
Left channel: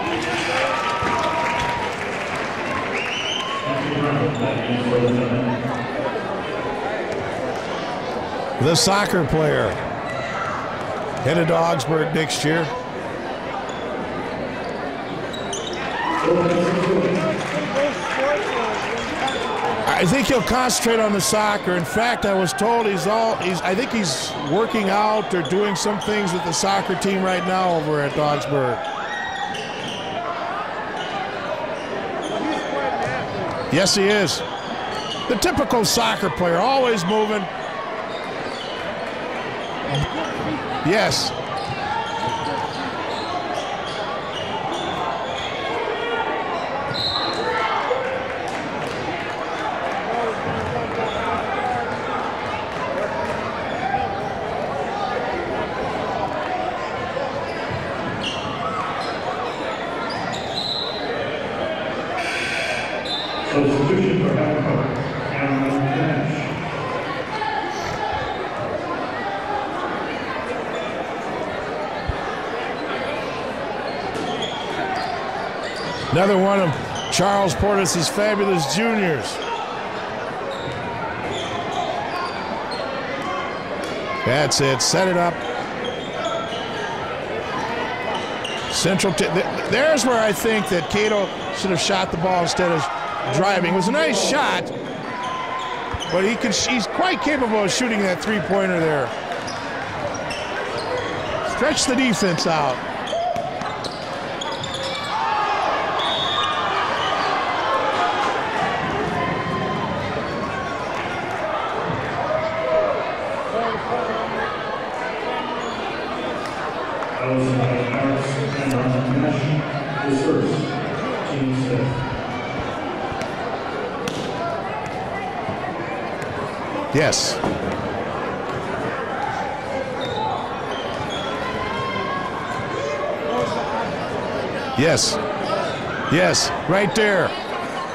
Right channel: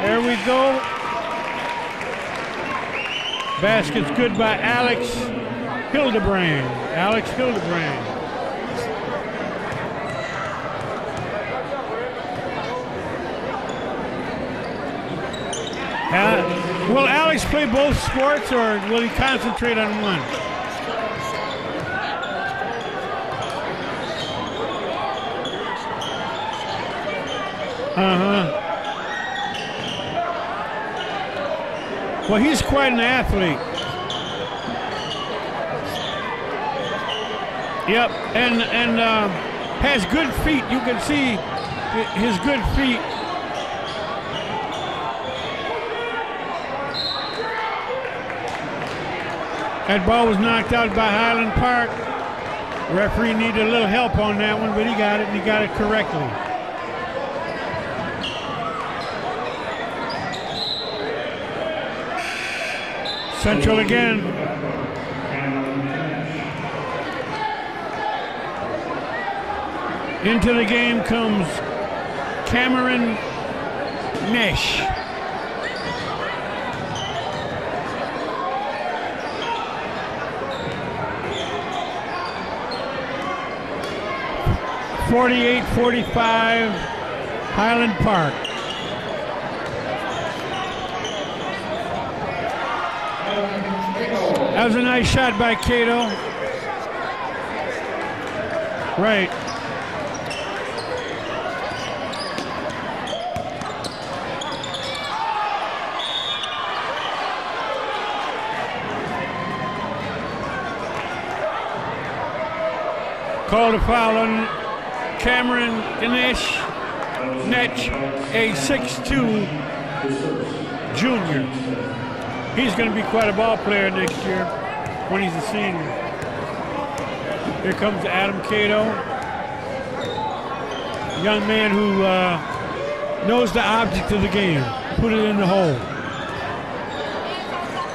There we go. Basket's good by Alex Hildebrand. The soccer player. Headed to Augsburg next year. Will Alex play both sports, or will he concentrate on one? I think he'll concentrate on the soccer. In fact, I was told I think he's working out or doing some things with the soccer team right now over at Augsburg. Well, he's quite an athlete. Yes, he is. The typical soccer player, always moving. Yep, and has good feet. You can see his good feet. That ball was knocked out by Highland Park. Referee needed a little help on that one, but he got it. He got it correctly. Central again. Into the game comes Cameron Nish. Another one of Charles Portis' fabulous juniors. That's it. 48-45, Highland Park. Central. There's where I think that Cato should have shot the ball instead of driving. It was a nice shot. That was a nice shot by Cato. But he's quite capable of shooting that three-pointer there. Right. Stretch the defense out. Called a foul on Cameron Nish, a 6'2" junior. He's going to be quite a ball player next year when he's a senior. Yes. Here comes Adam Cato, a young man who knows the object of the game. Yes. Put it in the hole. Yes, right there.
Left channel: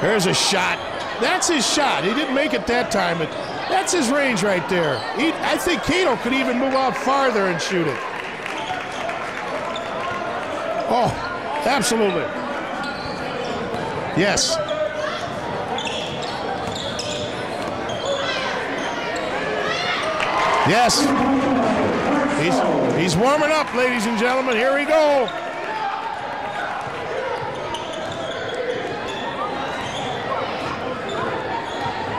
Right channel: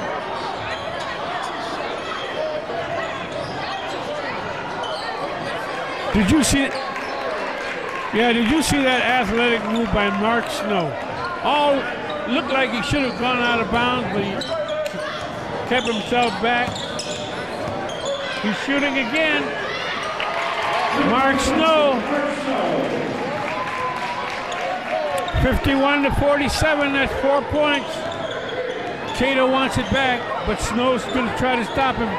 There's a shot. that's his shot. He didn't make it that time, but that's his range right there. I think Keno could even move out farther and shoot it. Yeah, did you see that athletic move by Mark Snow? Oh, absolutely. Looked like he should have gone out of bounds. Yes. Kept himself back. He's shooting again. Yes. Mark Snow. He's warming up, ladies and gentlemen. Here we go. 51-47, that's 4 points. Cato wants it back, but Snow's going to try to stop him.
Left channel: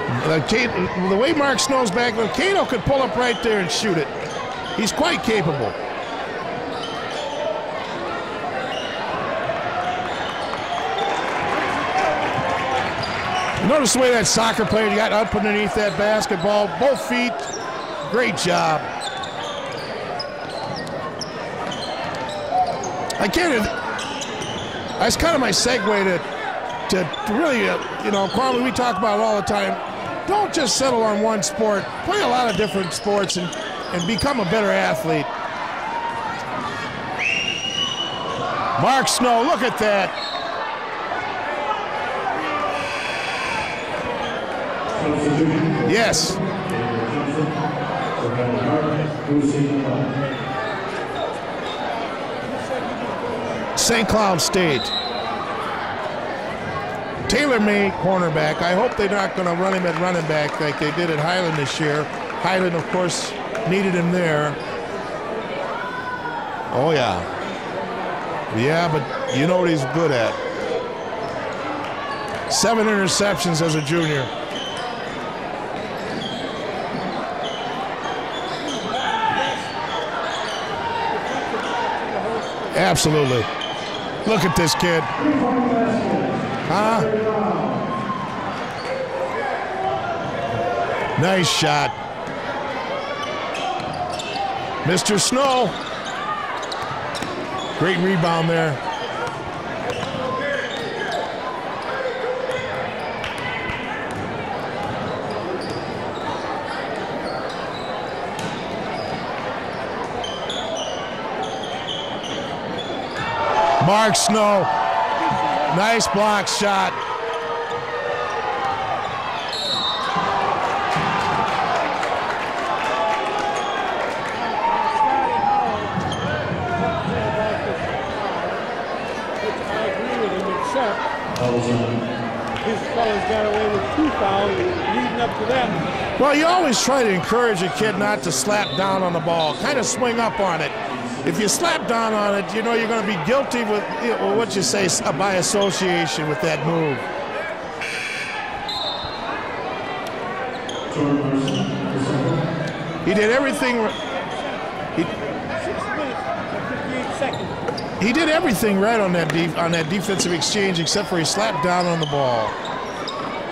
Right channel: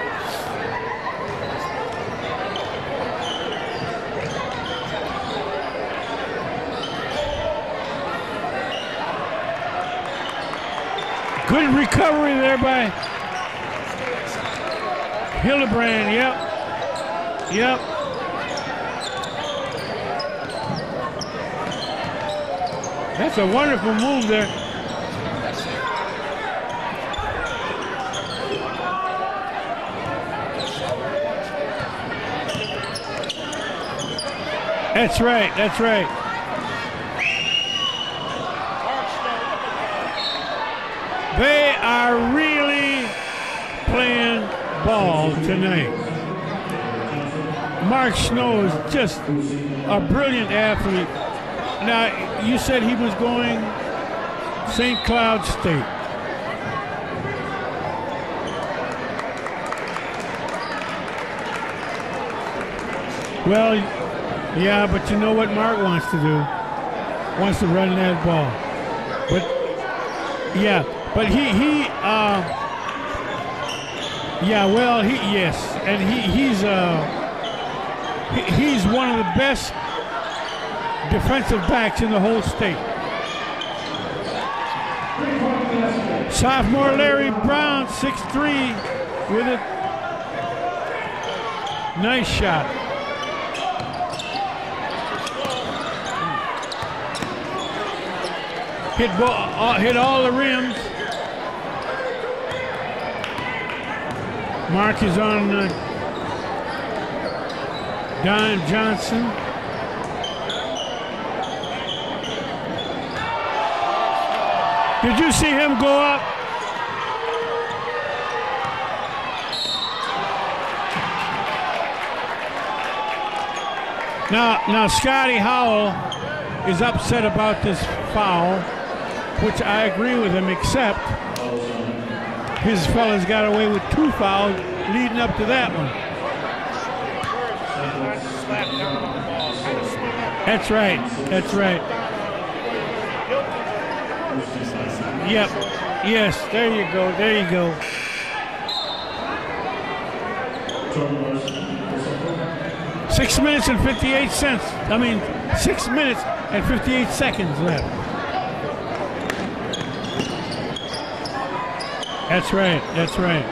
The way Mark Snow's back, Cato could pull up right there and shoot it. He's quite capable. Good recovery there by... Notice the way that soccer player got up underneath that basketball. Yep. Both feet. Yep. Great job. That's a wonderful move there. That's kind of my segue to really, Kwame, we talk about all the time. Don't just settle on one sport. Play a lot of different sports and become a better athlete. That's right. That's right. Mark Snow, look at that. They are really playing ball tonight. Yes. Mark Snow is just a brilliant athlete. Now, you said he was going... St. Cloud State. St. Cloud State. Tailor-made cornerback. I hope they're not going to run him at running back like they did at Highland this year. Highland, of course, needed him there. Yeah, but you know what Mark wants to do? Oh, yeah. Wants to run that ball. Yeah, but you know what he's good at. Yeah, but he 7 interceptions as a junior. Yeah, well, yes. And he's one of the best defensive backs in the whole state. Absolutely. Look at this kid. Sophomore Larry Brown, 6'3", with it. Nice shot. Nice shot. Mr. Snow. Great rebound there. Hit all the rims. Mark is on Don Johnson. Mark Snow. Did you see him go Nice up? block shot. Now Scotty Howell is upset about this foul, which I agree with him, except these fellas got away with 2 fouls leading up to that one. Well, you always try to encourage a kid not to slap down on the ball. Kind of swing up on it. That's right. If you slap down on it, you're going to be guilty with what you say by association with that there move. you go. There you go. 6 minutes and 58 cents. 6 minutes and 58 seconds left. He did everything right on that defensive exchange, except for he slapped down on the ball. That's right. That's right.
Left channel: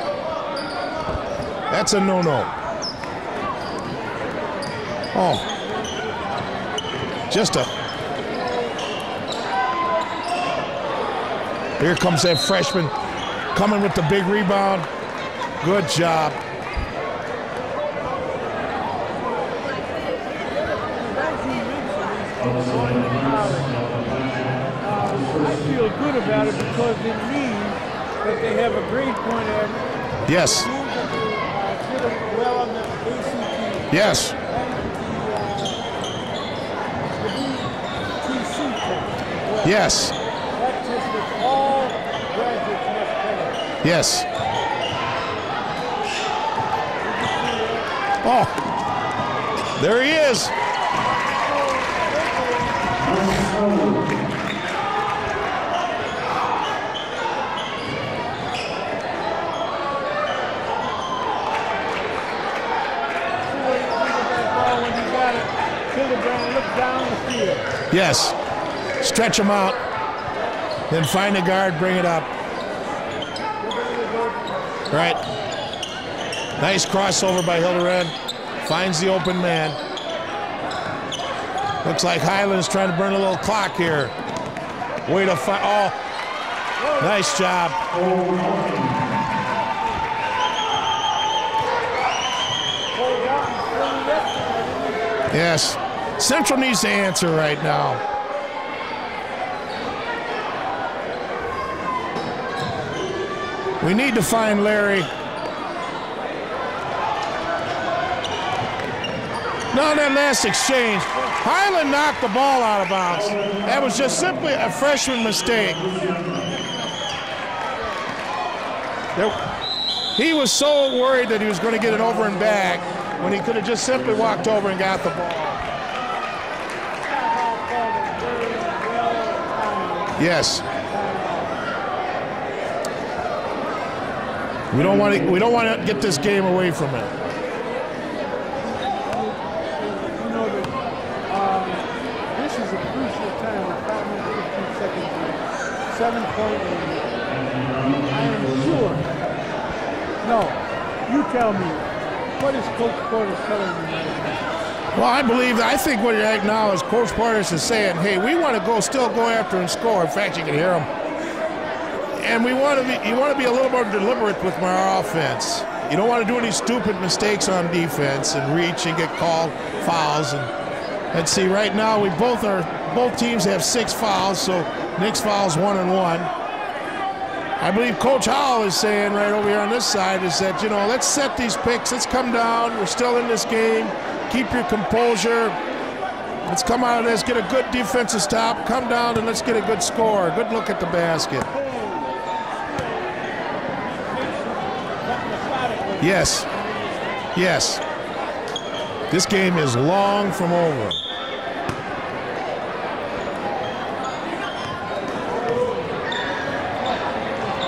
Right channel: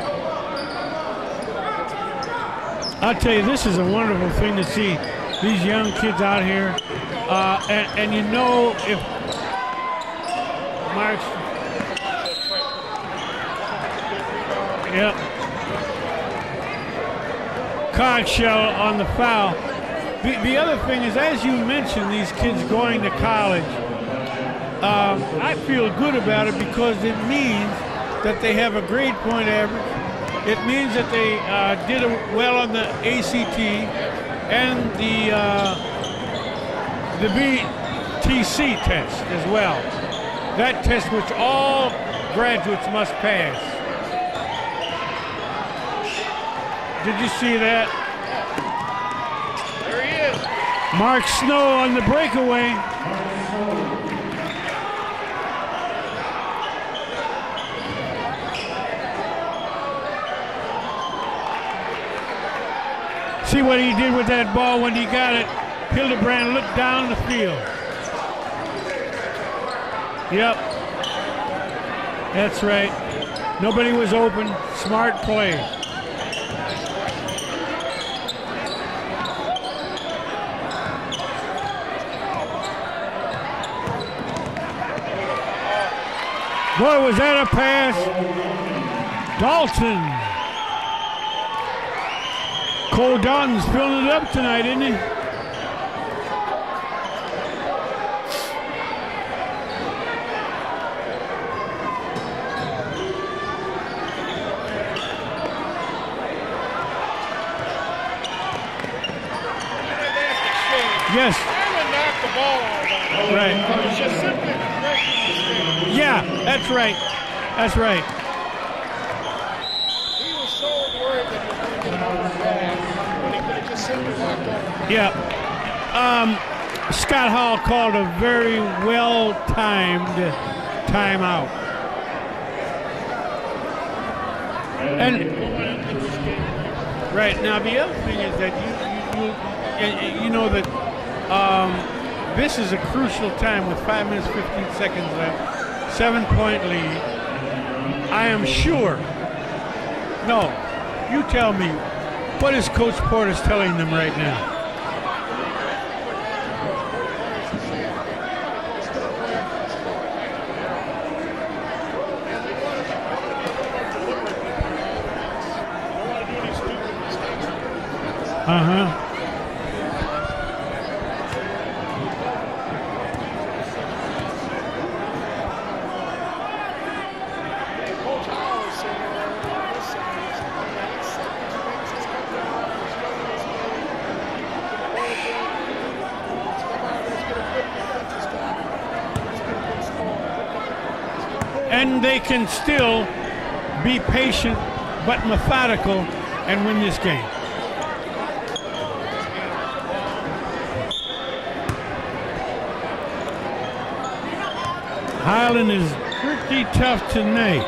That's a no-no. I'll tell you, this is a wonderful thing to see. These young kids out here. And you know, if here comes that freshman coming with the big rebound. Yep. Good job. Card shell on the foul. The other thing is, as you mentioned, these kids going to college, I feel good about it because it means that they have a grade point average. Yes. It means that they did well on the ACT. Yes. And the VTC test as well. Yes. That test which all graduates must pass. Yes. Did you see that? Oh, there he is. Mark Snow on the breakaway. See what he did with that ball when he got it. Hildebrand looked down the field. Yes. Stretch him out. Yep. Then find the guard, bring it up. That's right. Nobody was open. Smart play. Nice crossover by Hildebrand. Finds the open man. Looks like Highland's trying to burn a little clock here. Way to find. Oh. Boy, was nice that job. a pass? Dalton. Cole Dalton's filling it up tonight, isn't he? Yes. Central needs to answer right now. We need to find Larry. No, that last exchange. Yes. Highland knocked the ball out of bounds. Right. That was just simply a freshman mistake. Yeah, that's right. That's right. He was so worried that he was going to get it over and back when he could have just simply walked over and got it. Scott Hall called a very well-timed timeout. We don't want to get this game away from it. Right. Now, the other thing is that you know that this is a crucial time with 5 minutes, 15 seconds left. 7-point lead. I am sure. No, you tell me. What is Coach Portis telling them right now? Well, I think what right now is Coach Portis is saying, hey, we want to still go after and score. In fact, you can hear him. And you want to be a little more deliberate with our offense. You don't want to do any stupid mistakes on defense and reach and get called fouls. Let's see, right now both teams have 6 fouls, so Nick's foul's 1 and 1. I believe Coach Howell is saying right over here on this side is that, you know, let's set these picks. Let's come down. We're still in this game. Keep your composure. Let's come out and let's get a good defensive stop. Come down and let's get a good score. A good look at the basket. And they can still be patient but methodical. Yes. And win this game. Yes. This game is long from over. Highland is pretty tough tonight.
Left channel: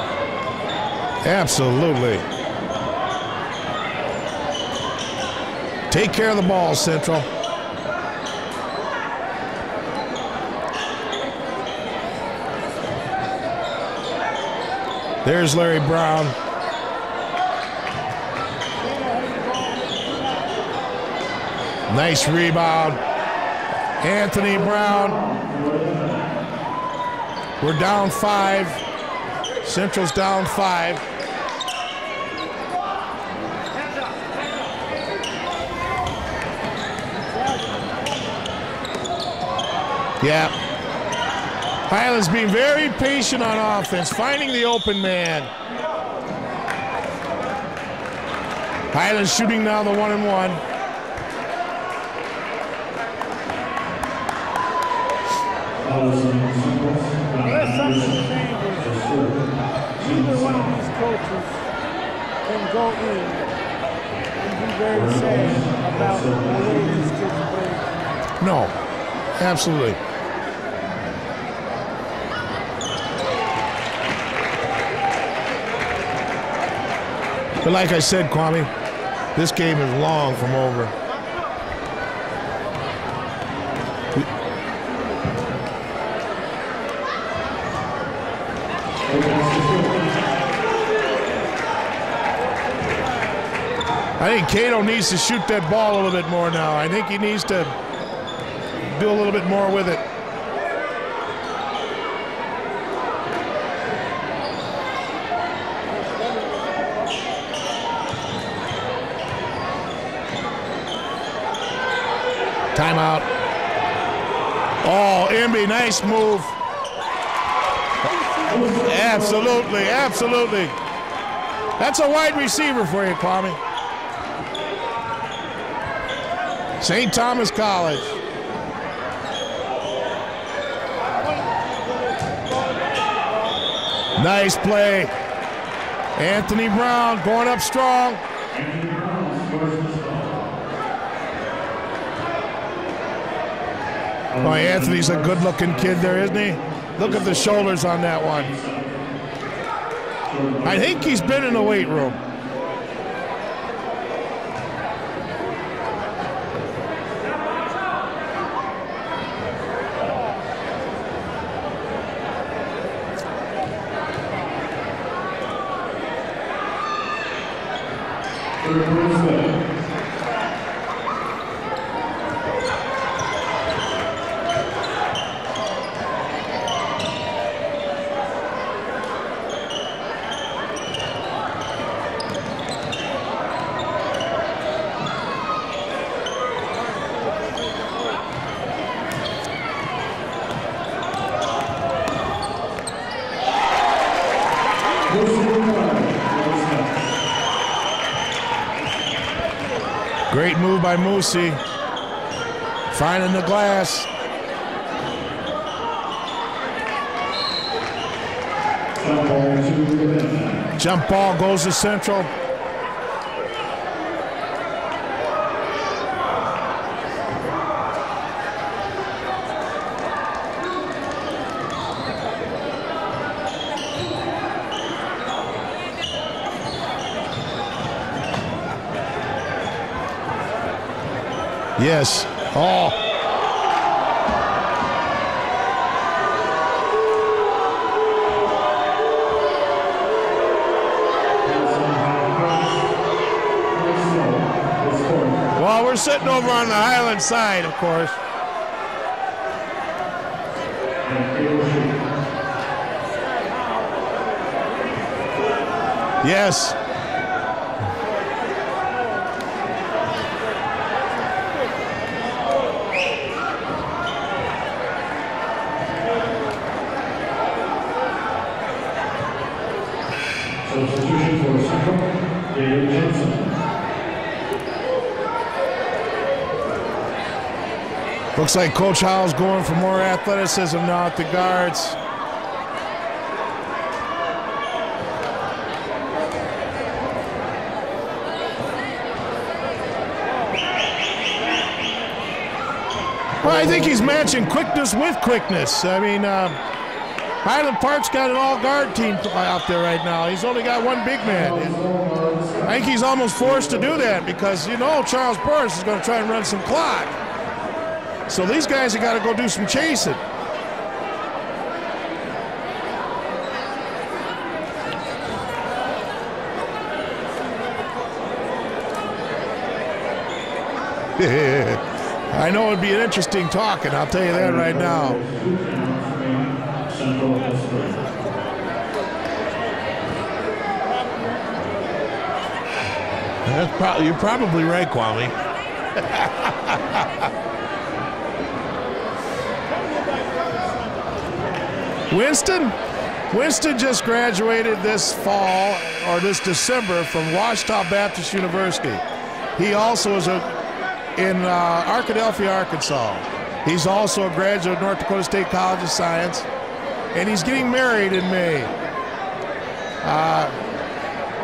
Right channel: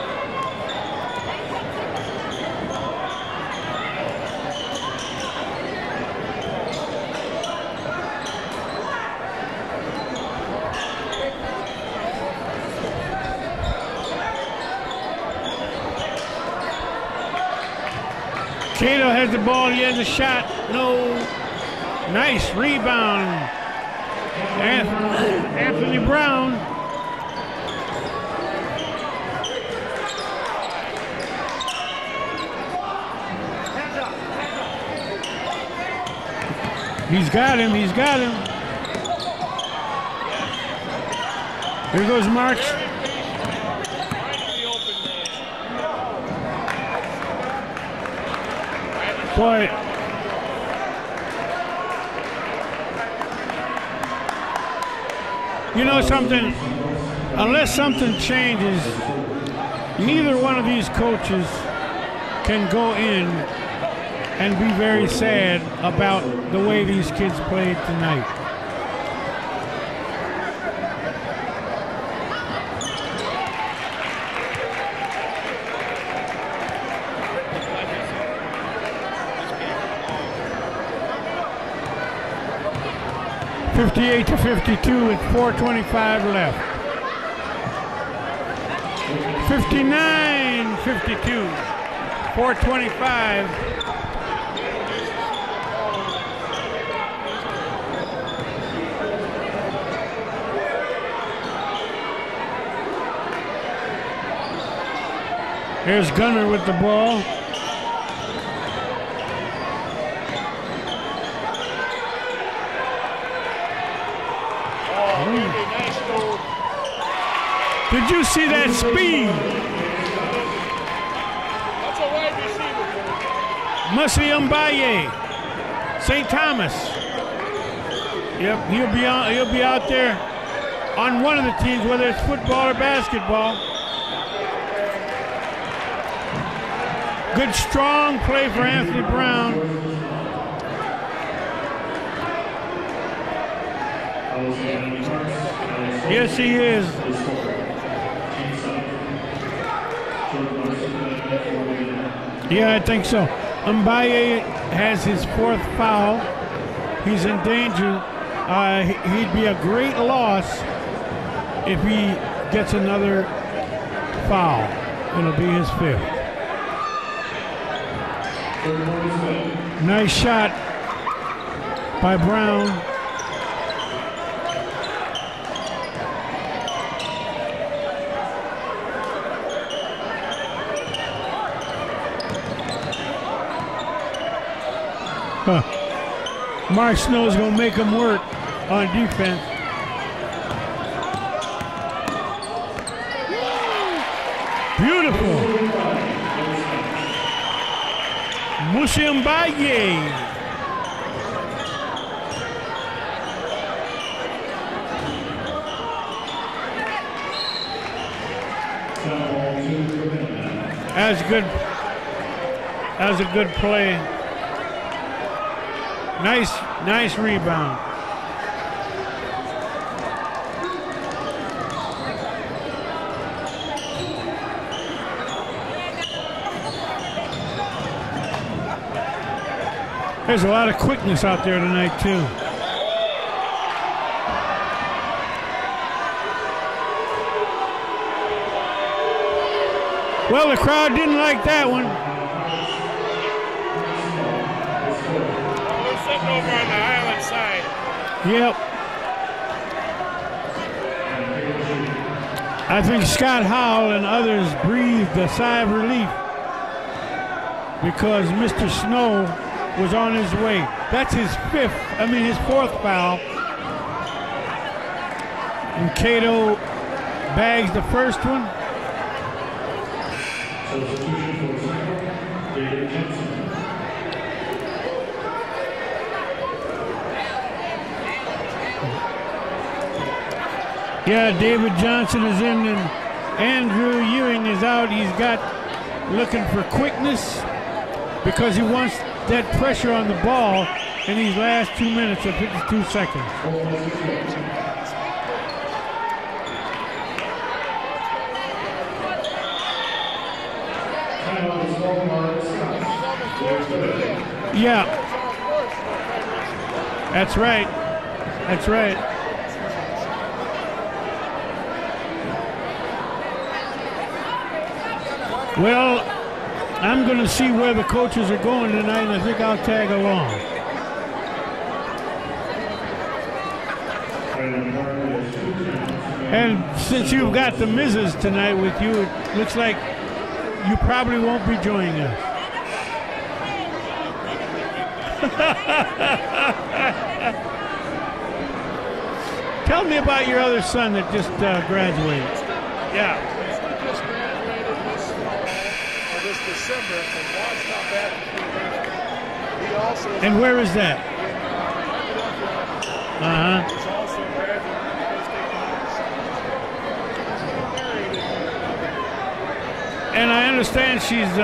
Absolutely. Take care of the ball, Central. There's Larry Brown. Cato has the ball. He has a shot. No. Nice rebound. Anthony Brown. Anthony Brown. We're down 5. Central's down 5. He's got him. He's got him. Yeah. Highland's being very patient on offense, finding the open man. Highland's shooting down the 1 and 1. You know something? Unless something changes, neither one of these coaches can go in and be very sad about the way these kids played tonight. No, absolutely. But like I said, Kwame, this game is long from over. 58 to 52 with 4:25 left. 59-52, 4:25. I think Cato needs to shoot that ball a little bit more now. I think he needs to do a little bit more with it. There's Gunner with the ball. Timeout. Oh, Emby, nice move. Did you see that speed? Absolutely, absolutely. That's a wide receiver for you, Kwame. Musi Mbaye, St. Thomas. St. Thomas College. Yep, he'll be out there on one of the teams, whether it's football or basketball. Nice play. Anthony Brown going Good up strong play for Anthony Brown. Oh, Anthony's a good-looking kid there, Yes, he is. Look at the shoulders on that one. I think he's been in the weight room. Yeah, I think so. Mbaye has his 4th foul. He's in danger. He'd be a great loss if he gets another foul. It'll be his 5th. Nice shot by Brown. Mark Snow's going to make him work on defense. Beautiful. Musi Mbaye. Great move by Musi. Finding the glass. Jump ball goes to Central. That was a good play. Nice rebound. There's a lot of quickness out there tonight, yes. too. Oh. Well, the crowd didn't like that one. Well, we're sitting over on the Highland side, of course. Yep. I think Scott Howell and others breathed a sigh of relief. Yes. Because Mr. Snow was on his way. That's his fourth foul. And Cato bags the first one. Substitution for Central, David Johnson. Looks like Coach Howell's going for more athleticism now. Yeah, David Johnson is in, and Andrew Ewing is out. He's got looking for quickness because he wants that pressure on the ball in these last 2 minutes or 52 seconds. Well, I think he's matching quickness with quickness. I mean, Highland Park's got an all-guard team out there right now. He's only got one big man. I think he's almost forced to do that because you know Charles Burris is going to try and run some clock. That's right. So these guys have got to go do some chasing. Well, I'm going to see where the coaches are going tonight, and I think I'll tag along. I know it'd be an interesting talking, I'll tell you that right now. And since you've got the missus tonight with you, looks like you probably won't be joining us. You're probably right, Kwame. Tell me about your other son that just graduated. Winston? Yeah. Winston just graduated this fall, or this December, from Washita Baptist University. He also is where is that? In Arkadelphia, Arkansas. He's also a graduate of North Dakota State College of Science, and he's getting married in May. And I understand she's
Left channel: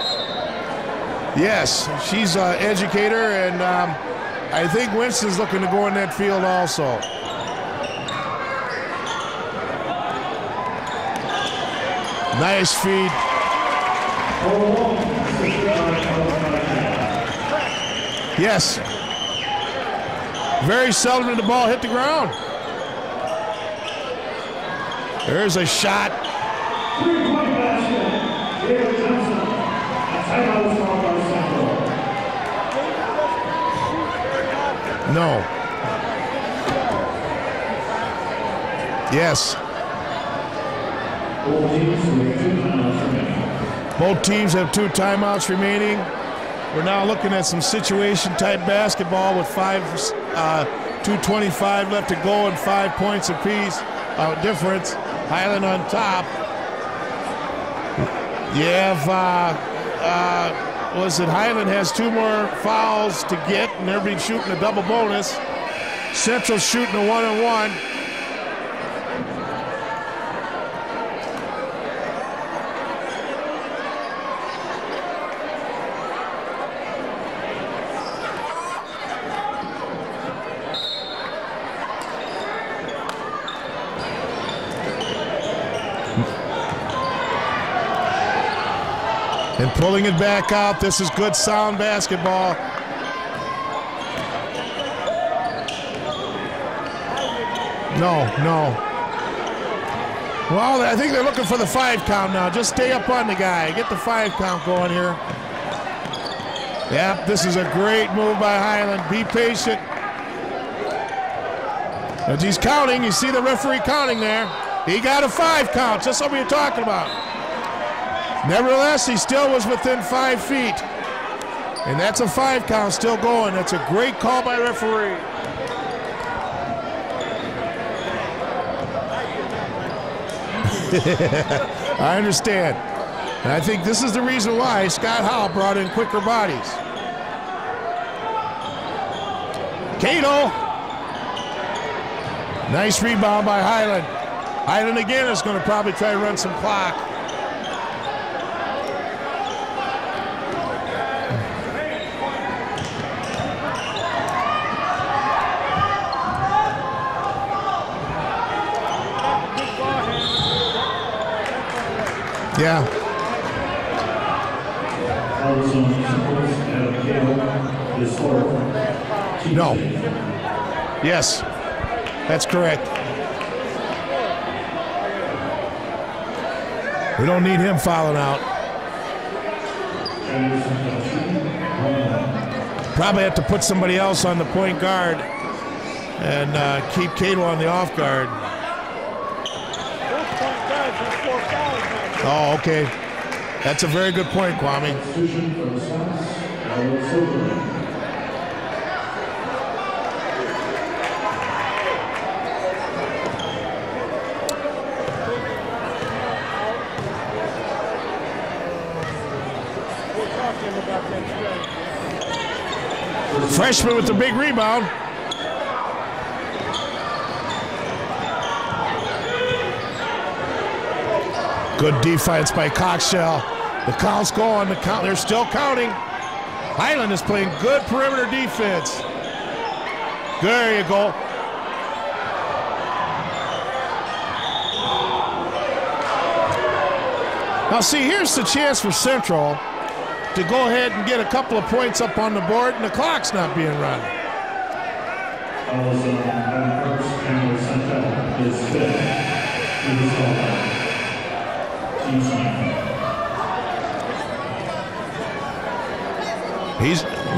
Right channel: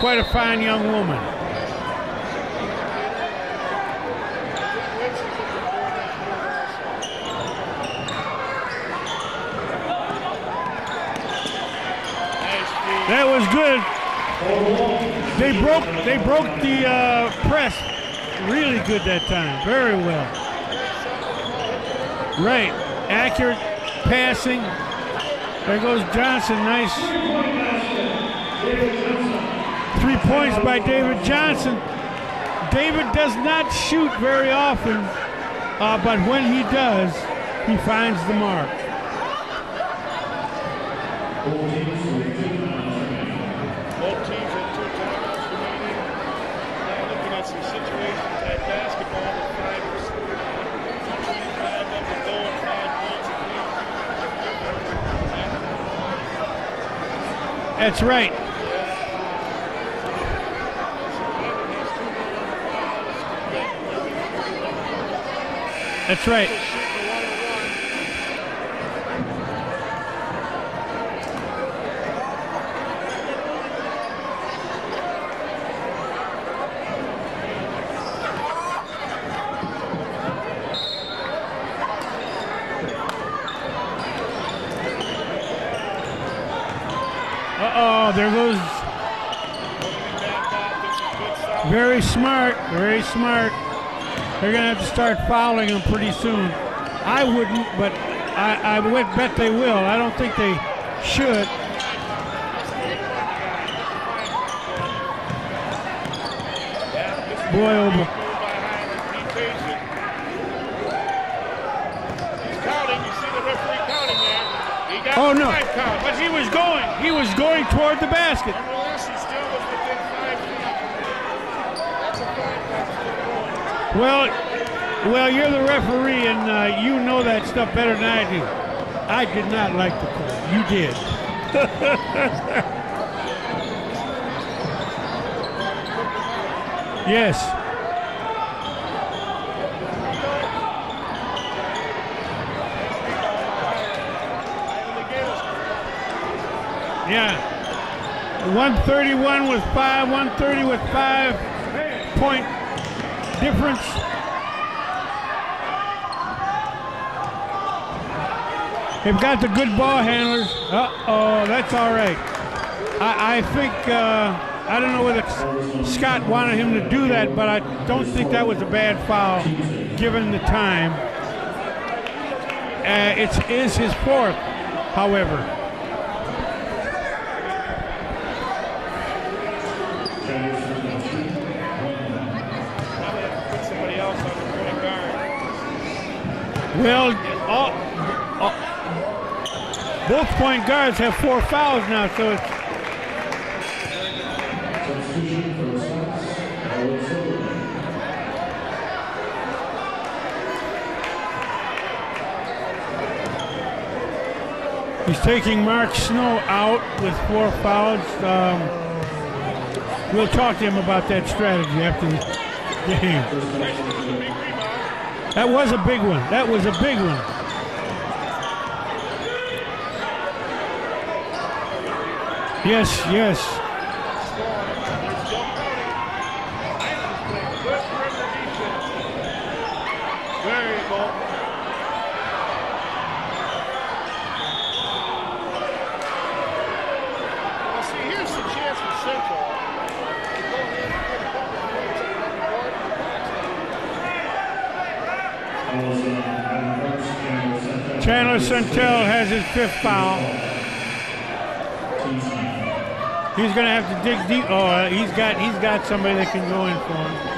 quite a fine young woman. Yes, she's an educator, and I think Winston's looking to go in that field also. Nice feed. That was good. They broke the press. Yes. Really good that time. Very well. Very seldom did the ball hit the ground. Right. Accurate passing. There's a there shot. Goes Johnson. Nice. 3 points by David Johnson. David does not shoot very often. No. But when he does, he finds the mark. Yes. Both teams have 2 timeouts remaining. We're now looking at some situation-type basketball with 2:25 left to go and 5 points apiece difference. Highland on top. That's right. You have, Highland has 2 more fouls to get, and they'll be shooting a double bonus. That's Central right. shooting a 1-on-1. Pulling it back out. This is good sound basketball. Very smart. They're going to have to start fouling them pretty soon. I wouldn't, but I would bet they will. I don't think they Well, I think should. they're looking for the 5 count now. Just stay up on the guy. Get the 5 count going here. Yep, this is a great move by Highland. Be patient. As he's counting, you see the referee counting there. He got a 5 count, just what we talked about. He was going toward the basket. Nevertheless, he still was within 5 feet. And that's a 5 count still going. That's a great call by the referee. Well, you're the referee, and you know that stuff better than I do. I did not like it. You did. I understand. And I think this is the reason why Scott Howell brought in quicker bodies. Yes. Cato. Nice rebound by Highland. Highland again is going to probably try to run some clock. Yeah. 131 with 5, 130 with 5-point difference. They've got the good ball handlers. Uh-oh, that's all right. Yeah. I think, I don't know whether Scott wanted him to do that, but I don't think that was a bad foul. No. Given the time. Yes, that's correct. It is his fourth, however. We don't need him fouling out. Probably have to put somebody else on the point guard and keep Cato on the off guard. Both point guards have 4 fouls now. So. Oh, okay. That's a very good point, Kwame. He's taking Mark Snow out with 4 fouls. We'll talk to him about that strategy after the game. The freshman with the big rebound. That was a big one. That was a big one. Good defense by Kochel. Yes. The call's going. They're still counting. Highland is playing good perimeter defense. There you go. Now see, here's the chance for Central to go ahead and get a couple of points up on the board, and the clock's not being run. Chandler Centel has his 5th foul. He's going to have to dig deep. Oh, he's got somebody that can go in.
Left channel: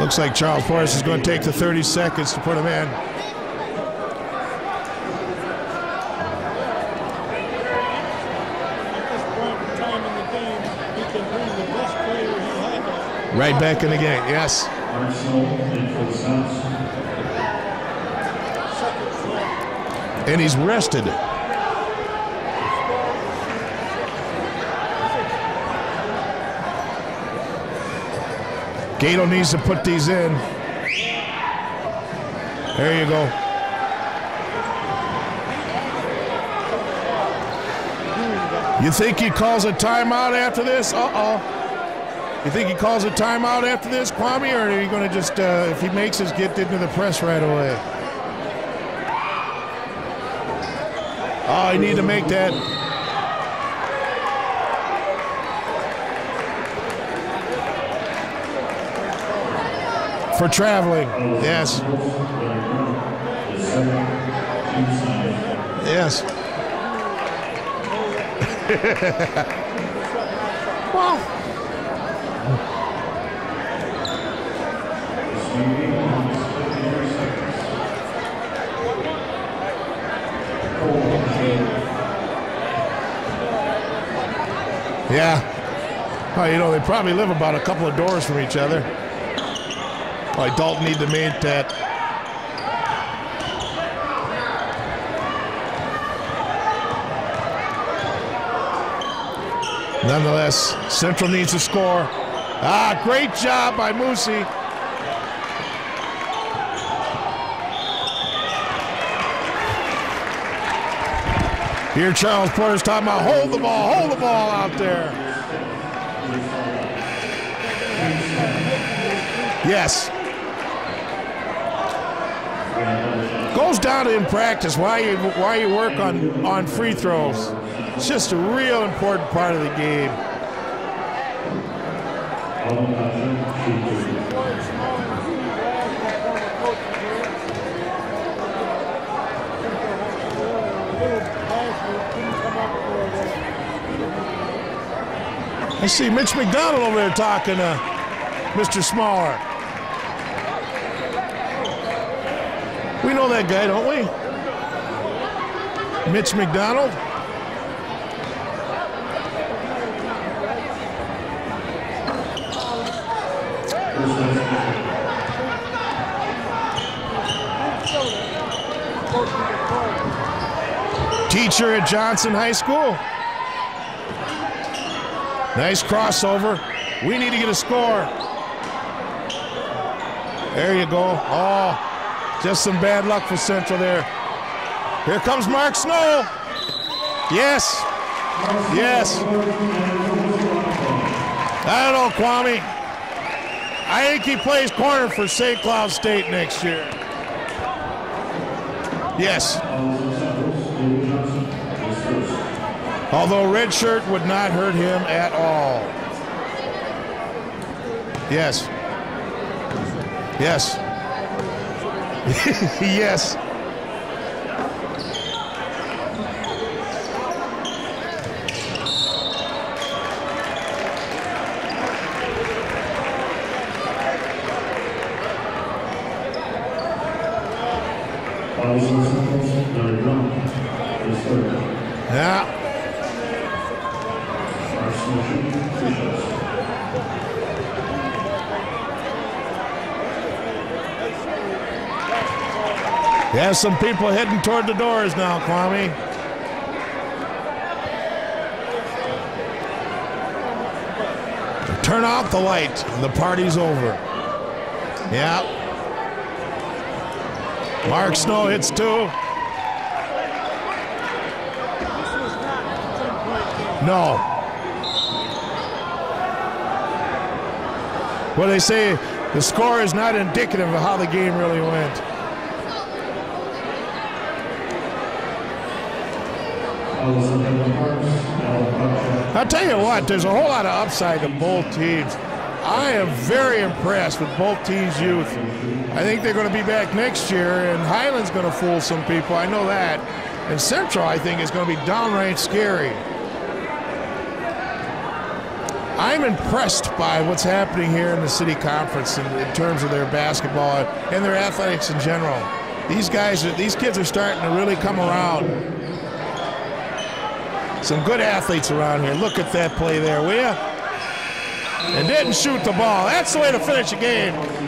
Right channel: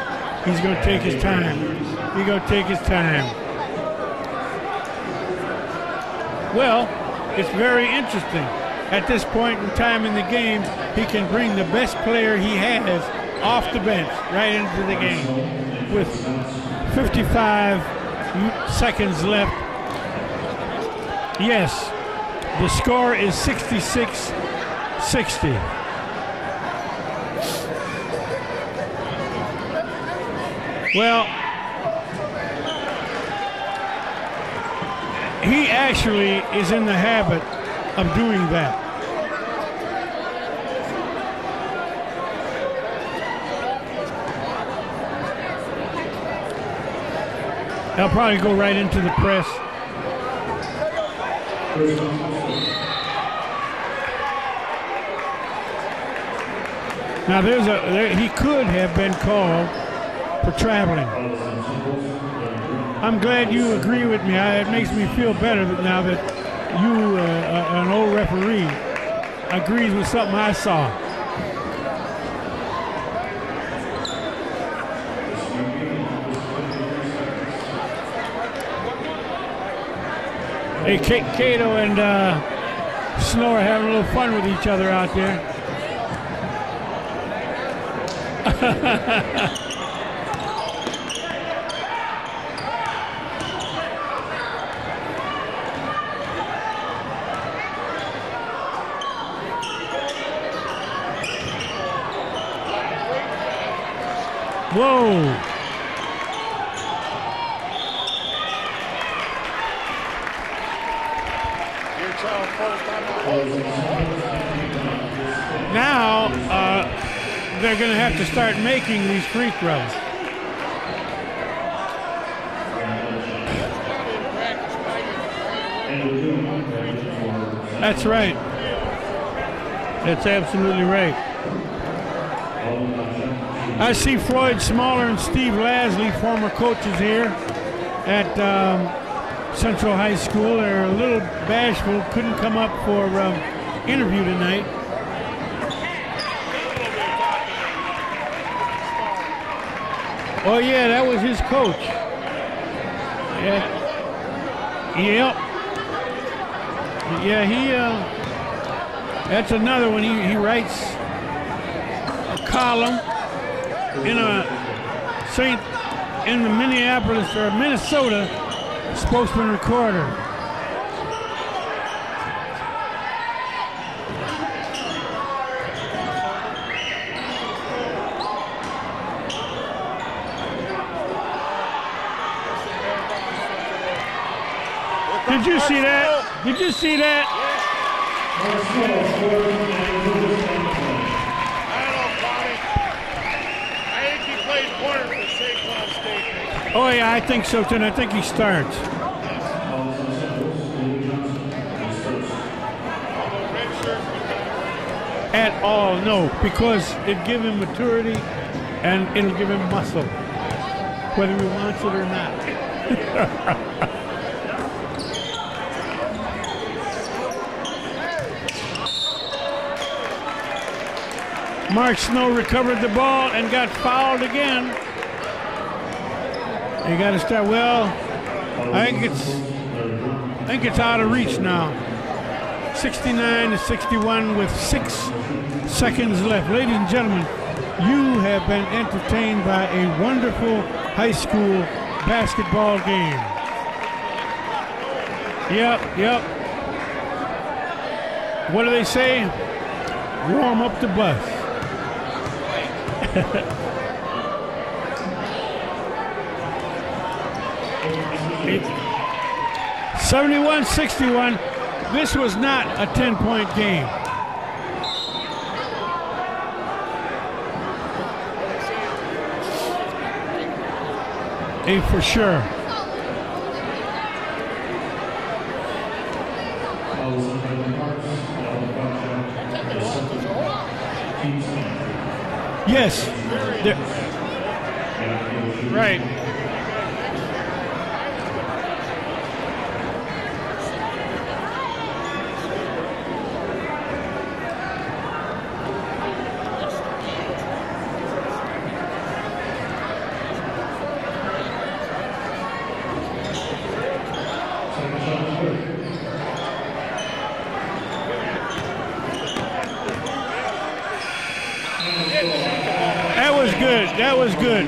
Looks like Charles Forrest is going to take the 30 seconds. He's going to take his time. Well, it's very interesting. At this point in time in the game, he can bring the best player he has right back in the game. Yes. Right into the game with 55 seconds left. And he's rested. Yes. The score is 66-60. Gato needs to put these in. Well, there you go. He actually is in the habit of doing that. You think he calls a timeout after this? You think he calls a timeout after this, Kwame, or are you going to just, if he makes us get into the press right away? They'll probably go right into the press. Oh, you need to make that. Now he could have been called for traveling. Yes. I'm glad you agree with me. It makes me feel better now yes. that you, an old referee, agrees with something I saw. Hey, Cato and Snow are having a little fun with each other out there. Yeah. Well, you know, they probably live about a couple of doors from each other. Like Dalton need the main pet. Nonetheless, Central needs to score. Great job by Moosey. Whoa. Here Charles Porter's talking about hold the ball out there. Now, they're going to have to start making these free throws. Yes. Goes down to in practice why you work on free throws. That's it's right. just a real important part of the game. That's absolutely right. I see Floyd Smaller and Steve Lasley, former coaches here at Central High School. They're a little bashful, couldn't come up for interview tonight. I see Mitch McDonald over there talking to Mr. Smaller. Oh yeah, that was his coach. We know that guy, don't we? Yep. Mitch McDonald? Yeah, that's another one. He writes a column in the Minneapolis or Minnesota Spokesman Recorder. Teacher at Johnson High School. Nice crossover. We need to get a score. There you go. Oh, just some bad luck for Central there. Here comes Mark Snow. Did you see that? Yes. Yes. I don't know, Kwame. I think he plays corner for St. Cloud State next year. Oh, yeah, I think so, too. And I think he starts. Yes. Although red shirt would not hurt him at all. No, because it give him maturity. Yes. And it'll give him muscle. Yes. Whether he wants it or not. Yes. Mark Snow recovered the ball and got fouled again. They got to start. Well, I think it's out of reach now. Yeah. 69 to 61 with 6 seconds left. Ladies and gentlemen, you have been entertained by a wonderful high school basketball game. There's some people heading toward the doors now, Kwame. Yep. What do they say? Warm up the bus. Turn off the light. The party's over. Yeah. Mark Snow hits 2. 71-61. This was not a 10-point game. No. Well, they say the score is not indicative of how the game really went. For sure. I'll tell you what, there's a whole lot of upside in both teams. Yes. I am very impressed with both teams' youth. Right. I think they're going to be back next year, and Highland's going to fool some people. I know that. And Central, I think, is going to be downright scary. I'm impressed by what's happening here in the city conference in terms of their basketball and their athletics in general. These kids are starting to really come around. Some good athletes around here. Look at that play there, will you? They didn't shoot the ball. That was good. That was good.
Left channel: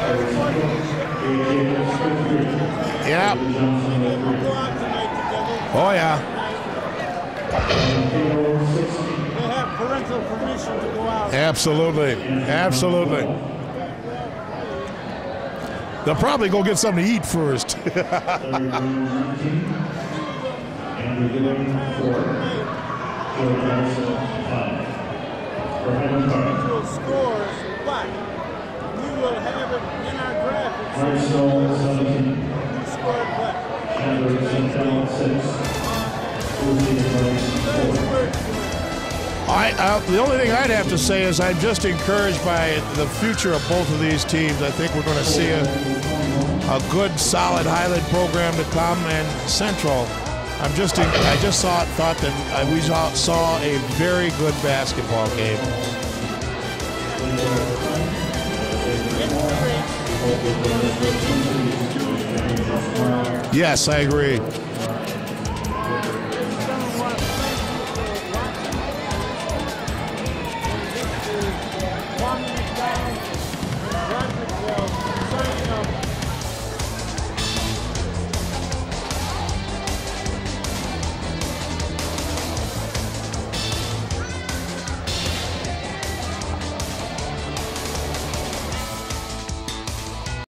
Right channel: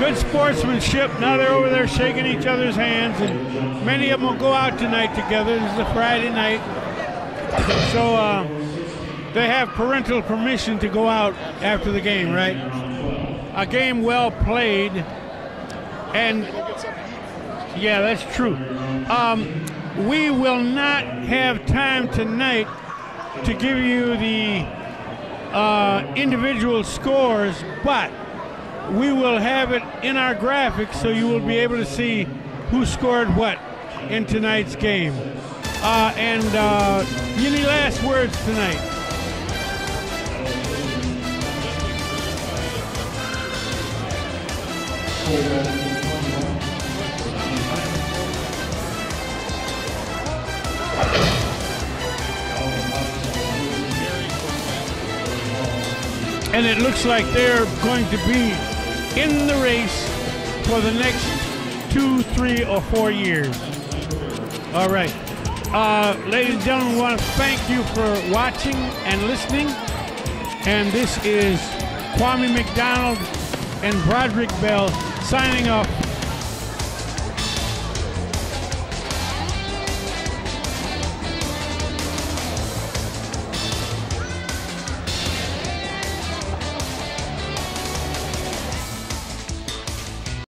Good sportsmanship. Now they're over there shaking each other's hands. Yep. Many of them will go out tonight together. It's a Friday night. So they have parental permission to go out after the game, right? Absolutely. A game well played. They'll probably go get something to eat first. Yeah, that's true. We will not have time tonight to give you the individual scores, but we will have it in our graphics so you will be able to see who scored what in tonight's game. Any last words tonight? The only thing I'd have to say is I'm just encouraged by the future of both of these teams. I think we're going to see a good, solid Highland program to come, and Central. I just thought that we saw a very good basketball game. And it looks like they're going to be in the race for the next 2, 3, or 4 years. Yes, I agree. All right. Ladies and gentlemen, we want to thank you for watching and listening. And this is Kwame McDonald and Broderick Bell signing off